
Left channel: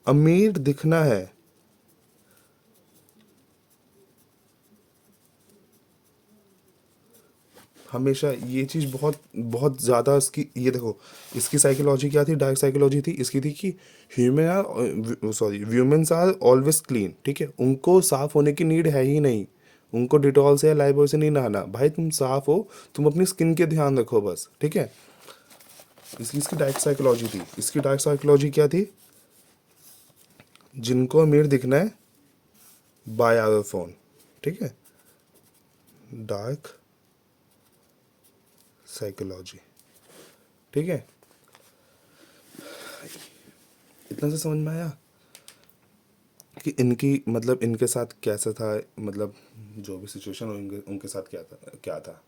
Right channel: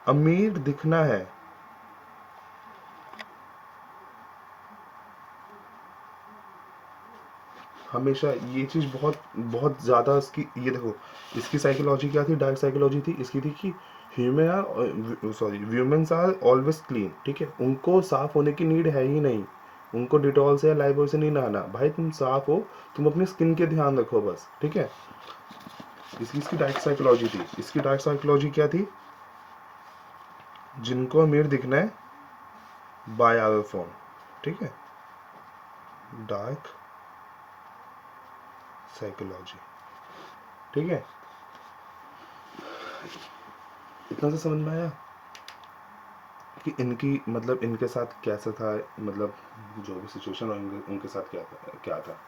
अमीर दिखना है। हमेशा ये चीज़ बहुत बहुत ज़्यादा इसकी, ये देखो, इसकी साइकोलॉजी क्या थी, डार्क साइकोलॉजी थी इसकी, थी कि ह्यूमन्स आर ऑलवेज क्लीन, ठीक है, उनको साफ होने की नीड है ही नहीं, उनको डिटॉल से या लाइबॉय से नहीं नहाना, भाई तुम साफ हो, तुम अपनी स्किन के ध्यान रखो बस, ठीक है। इसकी डार्क साइकोलॉजी थी। इसकी डार्क साइकोलॉजी क्या थी, जिनको अमीर दिखना है बाय आवर फोन, ठीक है, डार्क साइकोलॉजी, ठीक है। इतना सा समझ में आया कि इनकी मतलब इनके साथ कैसा था, मतलब जो भी सिचुएशन उनके साथ क्या था,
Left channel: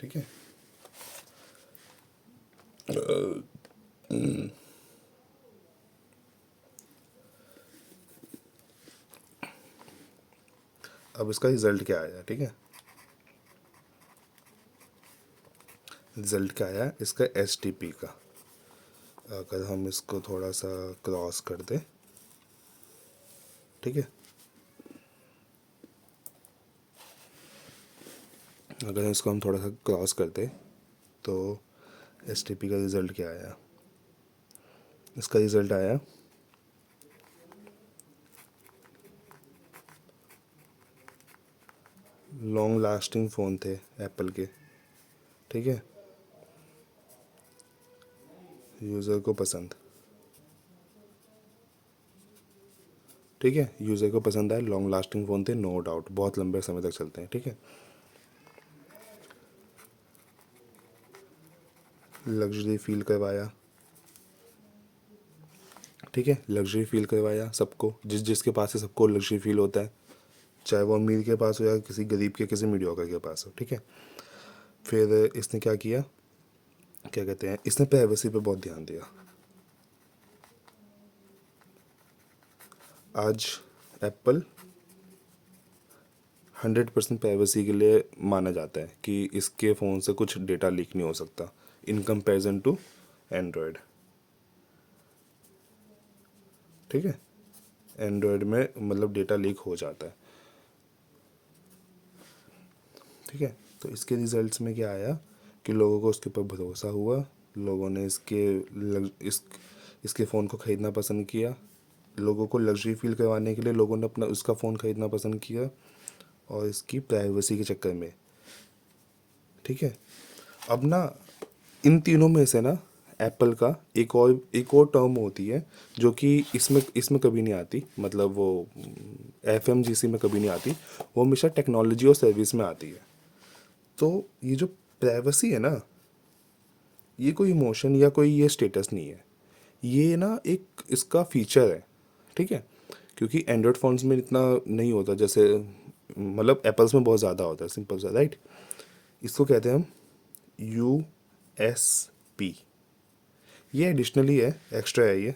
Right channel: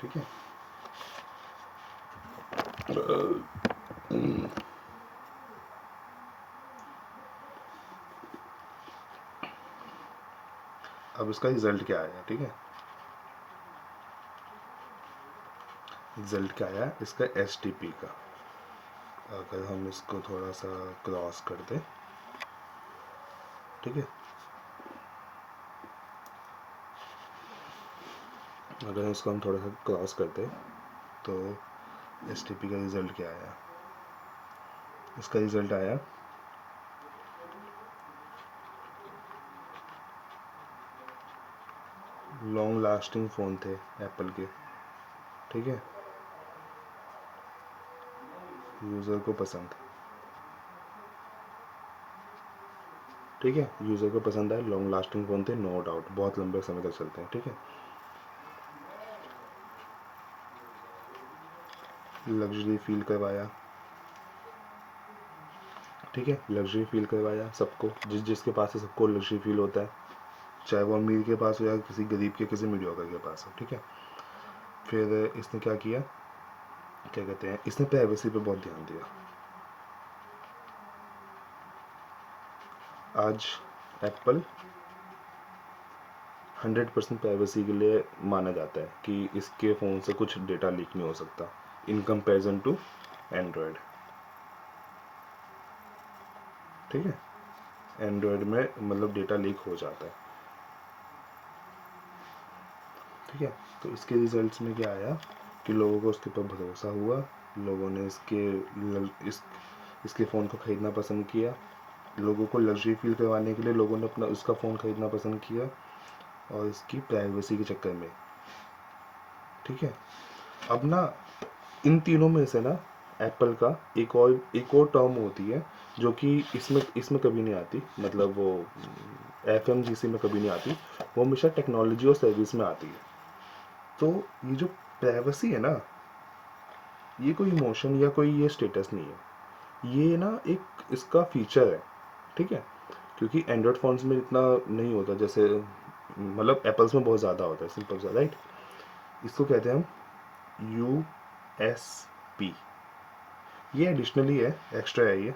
ठीक है। अब इसका रिजल्ट क्या आया, ठीक है, रिजल्ट क्या आया इसका एस टी पी का। अगर हम इसको थोड़ा सा क्रॉस कर दें, ठीक है, अगर इसको हम थोड़ा सा क्रॉस करते तो एस टी पी का रिज़ल्ट क्या आया, इसका रिज़ल्ट आया लॉन्ग लास्टिंग फ़ोन थे एप्पल के, ठीक है, यूज़र को पसंद, ठीक है, यूज़र को पसंद आया, लॉन्ग लास्टिंग फ़ोन थे, नो डाउट, बहुत लंबे समय तक चलते हैं, ठीक है। लग्जरी फील करवाया, ठीक है, लग्जरी फील करवाया सबको, जिसके पास है सबको लग्जरी फील होता है, चाहे वो अमीर के पास हो या किसी गरीब के, किसी मीडियोकर के पास हो, ठीक है। फिर इसने क्या किया, क्या कहते हैं, इसने प्राइवेसी पे बहुत ध्यान दिया। आज एप्पल 100% प्राइवेसी के लिए माना जाता है कि इसके फ़ोन से कुछ डेटा लीक नहीं हो सकता इन कंपैरिजन टू एंड्रॉयड, ठीक है। एंड्रॉयड में मतलब डेटा लीक हो जाता है, ठीक है। तो इसके रिजल्ट्स में क्या आया कि लोगों को उसके ऊपर भरोसा हुआ, लोगों ने इसके फ़ोन को ख़रीदना पसंद किया, लोगों को लग्जरी फील करवाने के लिए लोगों ने अपना उसका फ़ोन ख़रीदना पसंद किया, और इसकी प्राइवेसी के चक्कर में, ठीक है। अब ना इन तीनों में से ना एप्पल का एक और टर्म होती है जो कि इसमें इसमें कभी नहीं आती, मतलब वो FMGC में कभी नहीं आती, वो हमेशा टेक्नोलॉजी और सर्विस में आती है। तो ये जो प्राइवेसी है ना, ये कोई इमोशन या कोई ये स्टेटस नहीं है, ये ना एक इसका फीचर है, ठीक है। क्योंकि एंड्रॉयड फ़ोन्स में इतना नहीं होता, जैसे मतलब एप्पल्स में बहुत ज़्यादा होता है, सिंपल सा, राइट। इसको कहते हैं हम USB। ये एडिशनली है, एक्स्ट्रा है ये,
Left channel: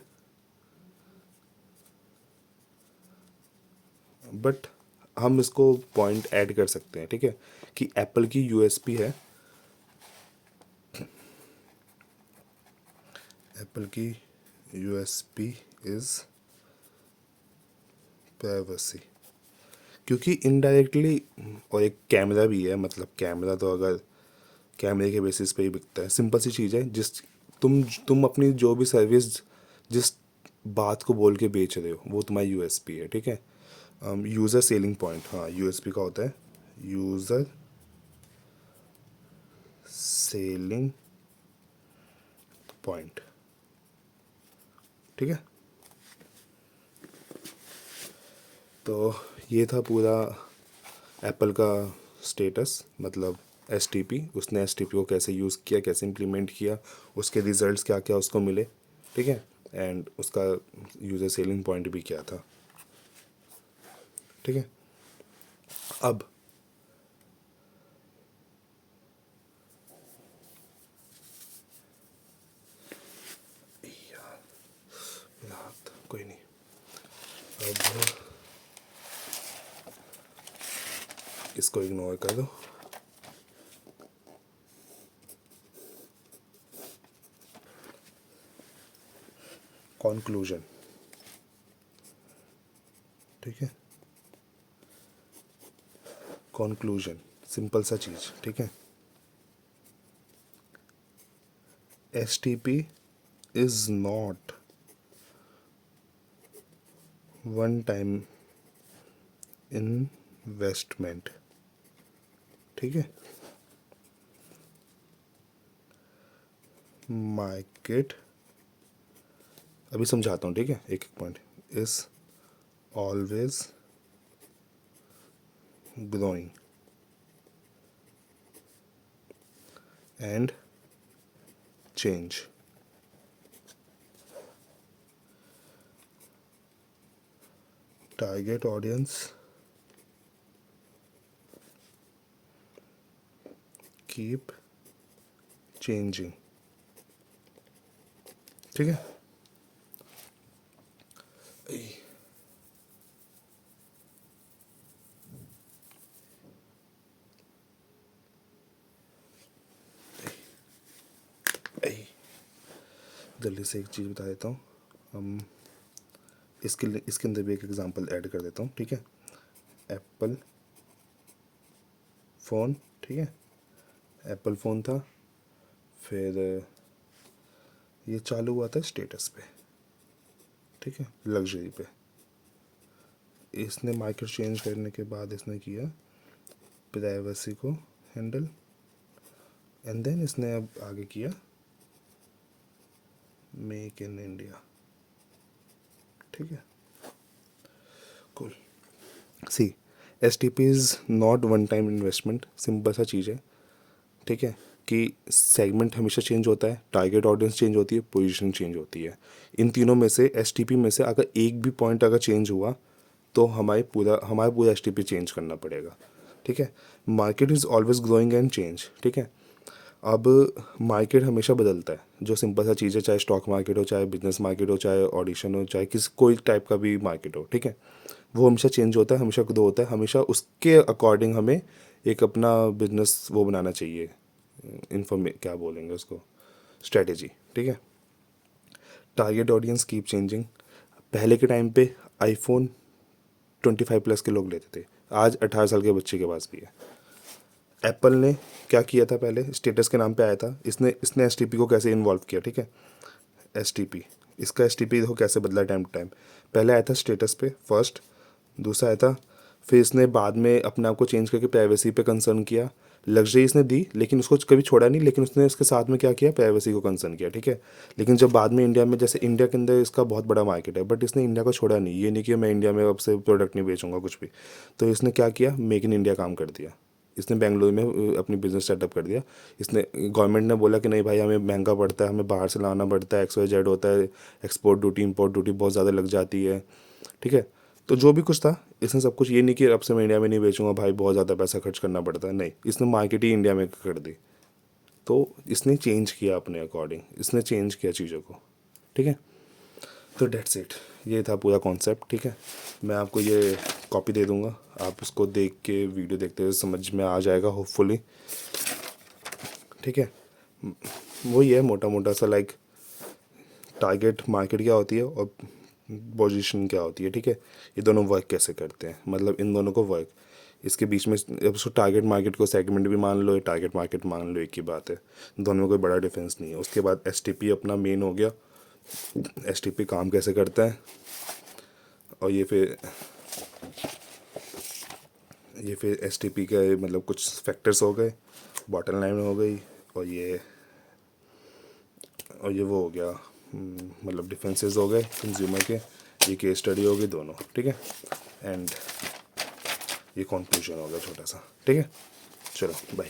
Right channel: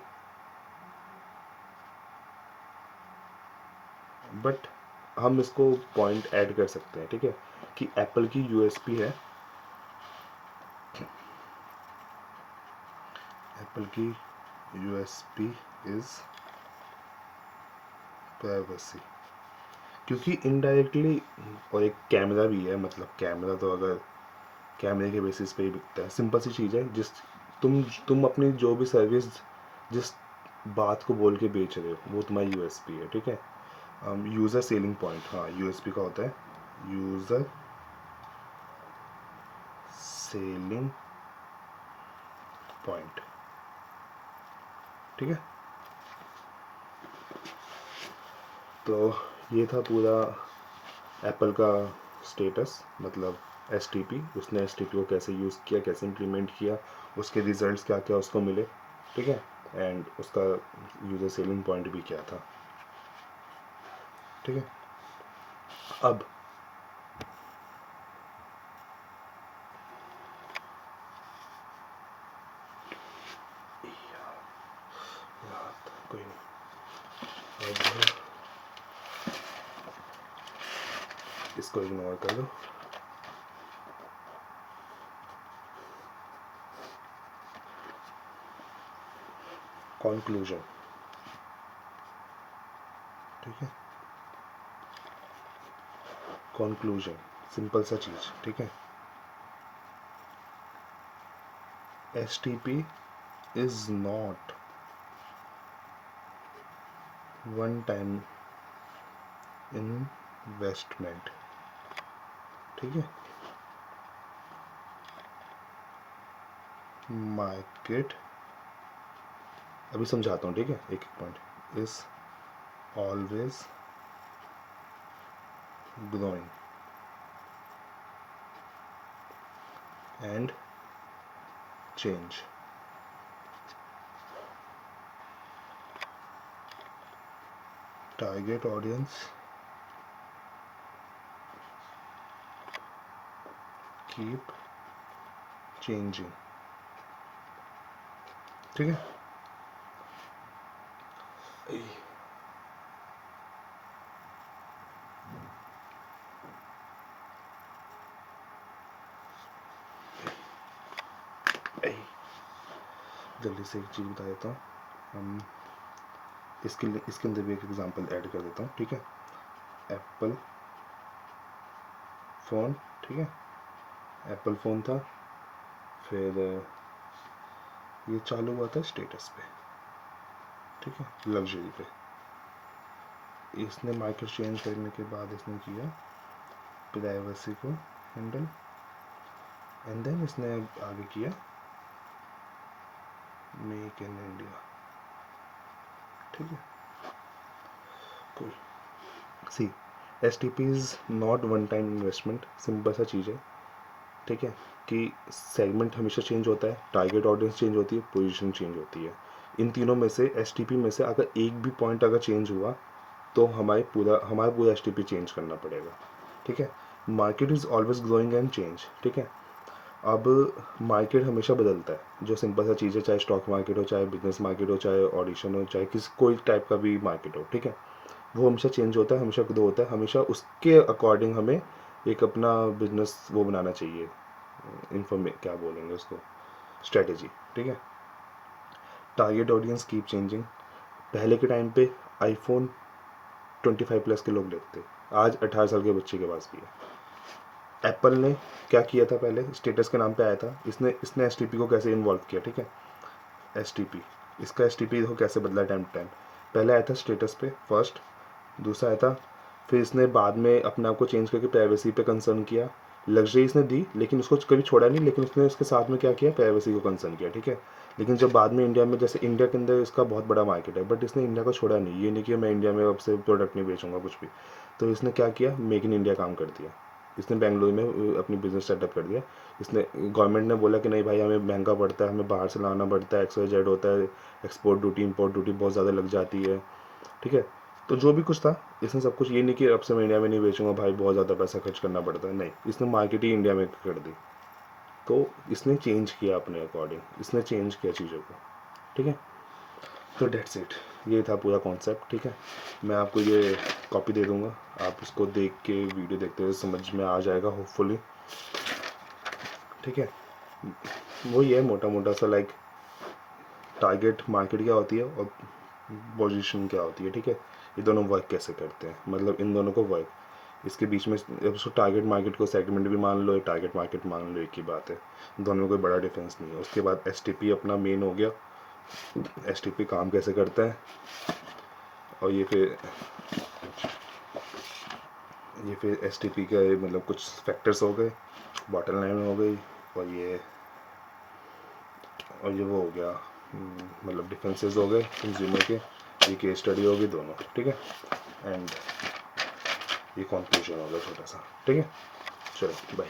बट हम इसको पॉइंट ऐड कर सकते हैं, ठीक है, कि एप्पल की USB है, एप्पल की USB इज़ प्राइवेसी। क्योंकि इनडायरेक्टली, और एक कैमरा भी है, मतलब कैमरा तो अगर कैमरे के बेसिस पे ही बिकता है, सिंपल सी चीज़ है, जिस तुम अपनी जो भी सर्विस, जिस बात को बोल के बेच रहे हो, वो तुम्हारी यूएसपी है, ठीक है। यूज़र सेलिंग पॉइंट, हाँ यूएसपी का होता है यूज़र सेलिंग पॉइंट, ठीक है। तो ये था पूरा एप्पल का स्टेटस, मतलब एसटीपी, उसने एसटीपी को कैसे यूज़ किया, कैसे इम्प्लीमेंट किया, उसके रिजल्ट्स क्या क्या उसको मिले, ठीक है, एंड उसका यूज़र सेलिंग पॉइंट भी क्या था, ठीक है। अब कोई नहीं, अब इसको इग्नोर कर दो। कंक्लूजन, ठीक है, कंक्लूजन, सिंपल सा चीज़, ठीक है। STP is not one time investment, ठीक है। मार्केट, अभी समझाता हूँ, ठीक है, एक एक point, is always growing and change, target audience keep changing, ठीक है। जल्दी से एक चीज़ बता देता हूँ, हम इसके अंदर भी एक एग्जांपल ऐड कर देता हूँ, ठीक है। एप्पल फ़ोन, ठीक है, एप्पल फ़ोन था, फिर ये चालू हुआ था स्टेटस पे, ठीक है, लग्जरी पे। इसने मार्केट चेंज करने के बाद इसने किया प्राइवेसी को हैंडल, एंड देन इसने अब आगे किया मेक इन इंडिया, ठीक है, cool. See, S T P is not one time investment, simple सा चीज़ है, ठीक है, कि सेगमेंट हमेशा चेंज होता है, टारगेट ऑडियंस चेंज होती है, पोजीशन चेंज होती है। इन तीनों में से एस टी पी में से अगर एक भी पॉइंट अगर चेंज हुआ तो हमारा पूरा एस टी पी चेंज करना पड़ेगा, ठीक है। Market is always growing and change, ठीक है। अब मार्केट हमेशा बदलता है, जो सिंपल सा चीज़ है, चाहे स्टॉक मार्केट हो, चाहे बिजनेस मार्केट हो, चाहे ऑडिशन हो, चाहे किसी कोई टाइप का भी मार्केट हो, ठीक है, वो हमेशा चेंज होता है, हमेशा ग्रो होता है, हमेशा उसके अकॉर्डिंग हमें एक अपना बिजनेस वो बनाना चाहिए, क्या बोलेंगे उसको, स्ट्रेटेजी, ठीक है। टारगेट ऑडियंस कीप चेंजिंग, पहले के टाइम पे आईफोन 25+ के लोग लेते थे, आज 18 साल के बच्चे के पास भी है। एप्पल ने क्या किया था, पहले स्टेटस के नाम पे आया था, इसने इसने एस को कैसे इन्वॉल्व किया, ठीक है। एस इसका एस देखो कैसे बदला टाइम टू टाइम, पहले आया था स्टेटस पे फर्स्ट, दूसरा आया था, फिर इसने बाद में अपने आप को चेंज करके प्राइवेसी पे कंसर्न किया, लग्जरी इसने दी लेकिन उसको कभी छोड़ा नहीं, लेकिन उसने उसके साथ में क्या किया, प्राइवेसी को कंसर्न किया, ठीक है। लेकिन जब बाद में इंडिया में, जैसे इंडिया के अंदर इसका बहुत बड़ा मार्केट है, बट इसने इंडिया को छोड़ा नहीं, ये नहीं कि मैं इंडिया में अब से प्रोडक्ट नहीं बेचूंगा कुछ भी, तो इसने क्या किया, मेक इन इंडिया काम कर दिया, इसने बेंगलुरु में अपनी बिज़नेस सेटअप कर दिया। इसने गवर्नमेंट ने बोला कि नहीं भाई हमें महंगा पड़ता है, हमें बाहर से लाना पड़ता है, XYZ होता है, एक्सपोर्ट ड्यूटी इंपोर्ट ड्यूटी बहुत ज़्यादा लग जाती है, ठीक है। तो जो भी कुछ था इसने सब कुछ, ये नहीं कि अब से मैं इंडिया में नहीं बेचूंगा भाई, बहुत ज़्यादा पैसा खर्च करना पड़ता है, नहीं, इसने मार्केट ही इंडिया में कर दी। तो इसने चेंज किया अपने अकॉर्डिंग, इसने चेंज किया चीज़ों को, ठीक है। तो डेट्स इट, ये था पूरा कॉन्सेप्ट, ठीक है। मैं आपको ये कॉपी दे दूँगा, आप इसको देख के वीडियो देखते हुए समझ में आ जाएगा होपफुली, ठीक है। वही है मोटा मोटा सा, लाइक टारगेट मार्केट क्या होती है और पोजीशन क्या होती है, ठीक है। ये दोनों वर्क कैसे करते हैं, मतलब इन दोनों को वर्क, इसके बीच में अब उसको टारगेट मार्केट को सेगमेंट भी मान लो, टारगेट मार्केट मान लो, एक ही बात है, दोनों में कोई बड़ा डिफरेंस नहीं है। उसके बाद STP अपना मेन हो गया, STP काम कैसे करता है, और ये फिर STP का मतलब कुछ फैक्टर्स हो गए, बॉटम लाइन हो गई, और ये वो हो गया, मतलब डिफरेंसेस हो गए कंज्यूमर के, ये केस स्टडी हो गई दोनों, ठीक है। एंड ये कंक्लूजन हो गया छोटा सा, ठीक है। चलो बाय।